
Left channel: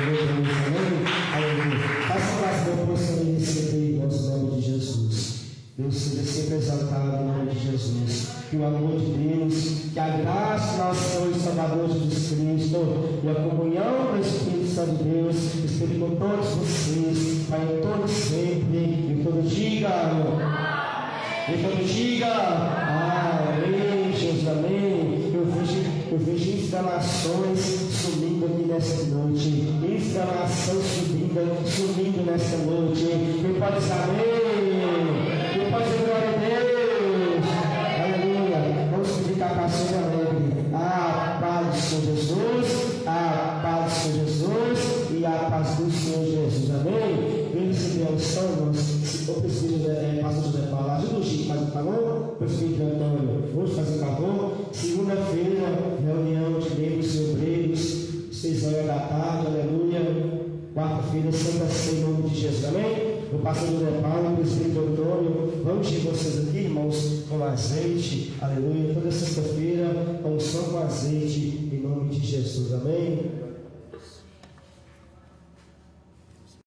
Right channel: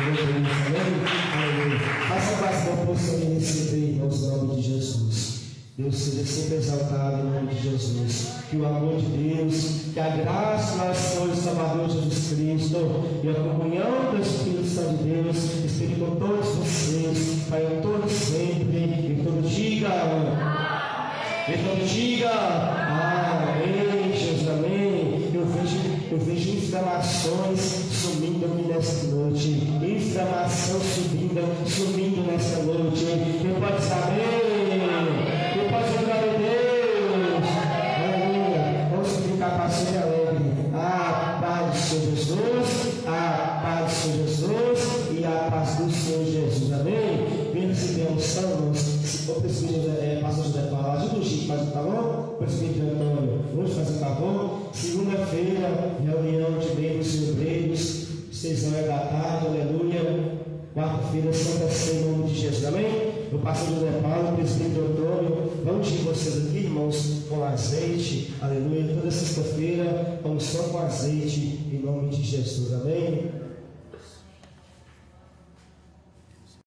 aleluia. Faça bastante para o Senhor receber, irmãos, em nome de Jesus. Deus seja sempre exaltado em nome de Jesus. Que o amor de Deus, que a graça do nosso Senhor e Salvador Jesus Cristo e a comunhão do Espírito Santo de Deus esteja com todos vocês, para em todos sempre, e todo diga amém. E todo diga amém, Jesus, amém. Eu vejo inflamações sumindo aqui nesta noite, inflamação sumindo nesta noite. Quem pode dizer amém? Quem pode dizer glória a Deus? Aleluia. Vamos subir capacete alegre. A paz do Senhor Jesus, a paz do Senhor Jesus e a paz do Senhor Jesus. Amém? Vem receber a unção, irmãos. Se o presbítero pastor José Paulo, ajuda o Chico, faz o favor. O presbítero Antônio, vamos fazer o favor. Segunda-feira, reunião de membros e obreiros, 6 horas da tarde, aleluia. Quarta-feira, Santa Ceia, em nome de Jesus, amém? O pastor José Paulo, o presbítero Antônio, vamos de vocês aqui, irmãos, com azeite, aleluia. Toda sexta-feira, unção com azeite, em nome de Jesus, amém?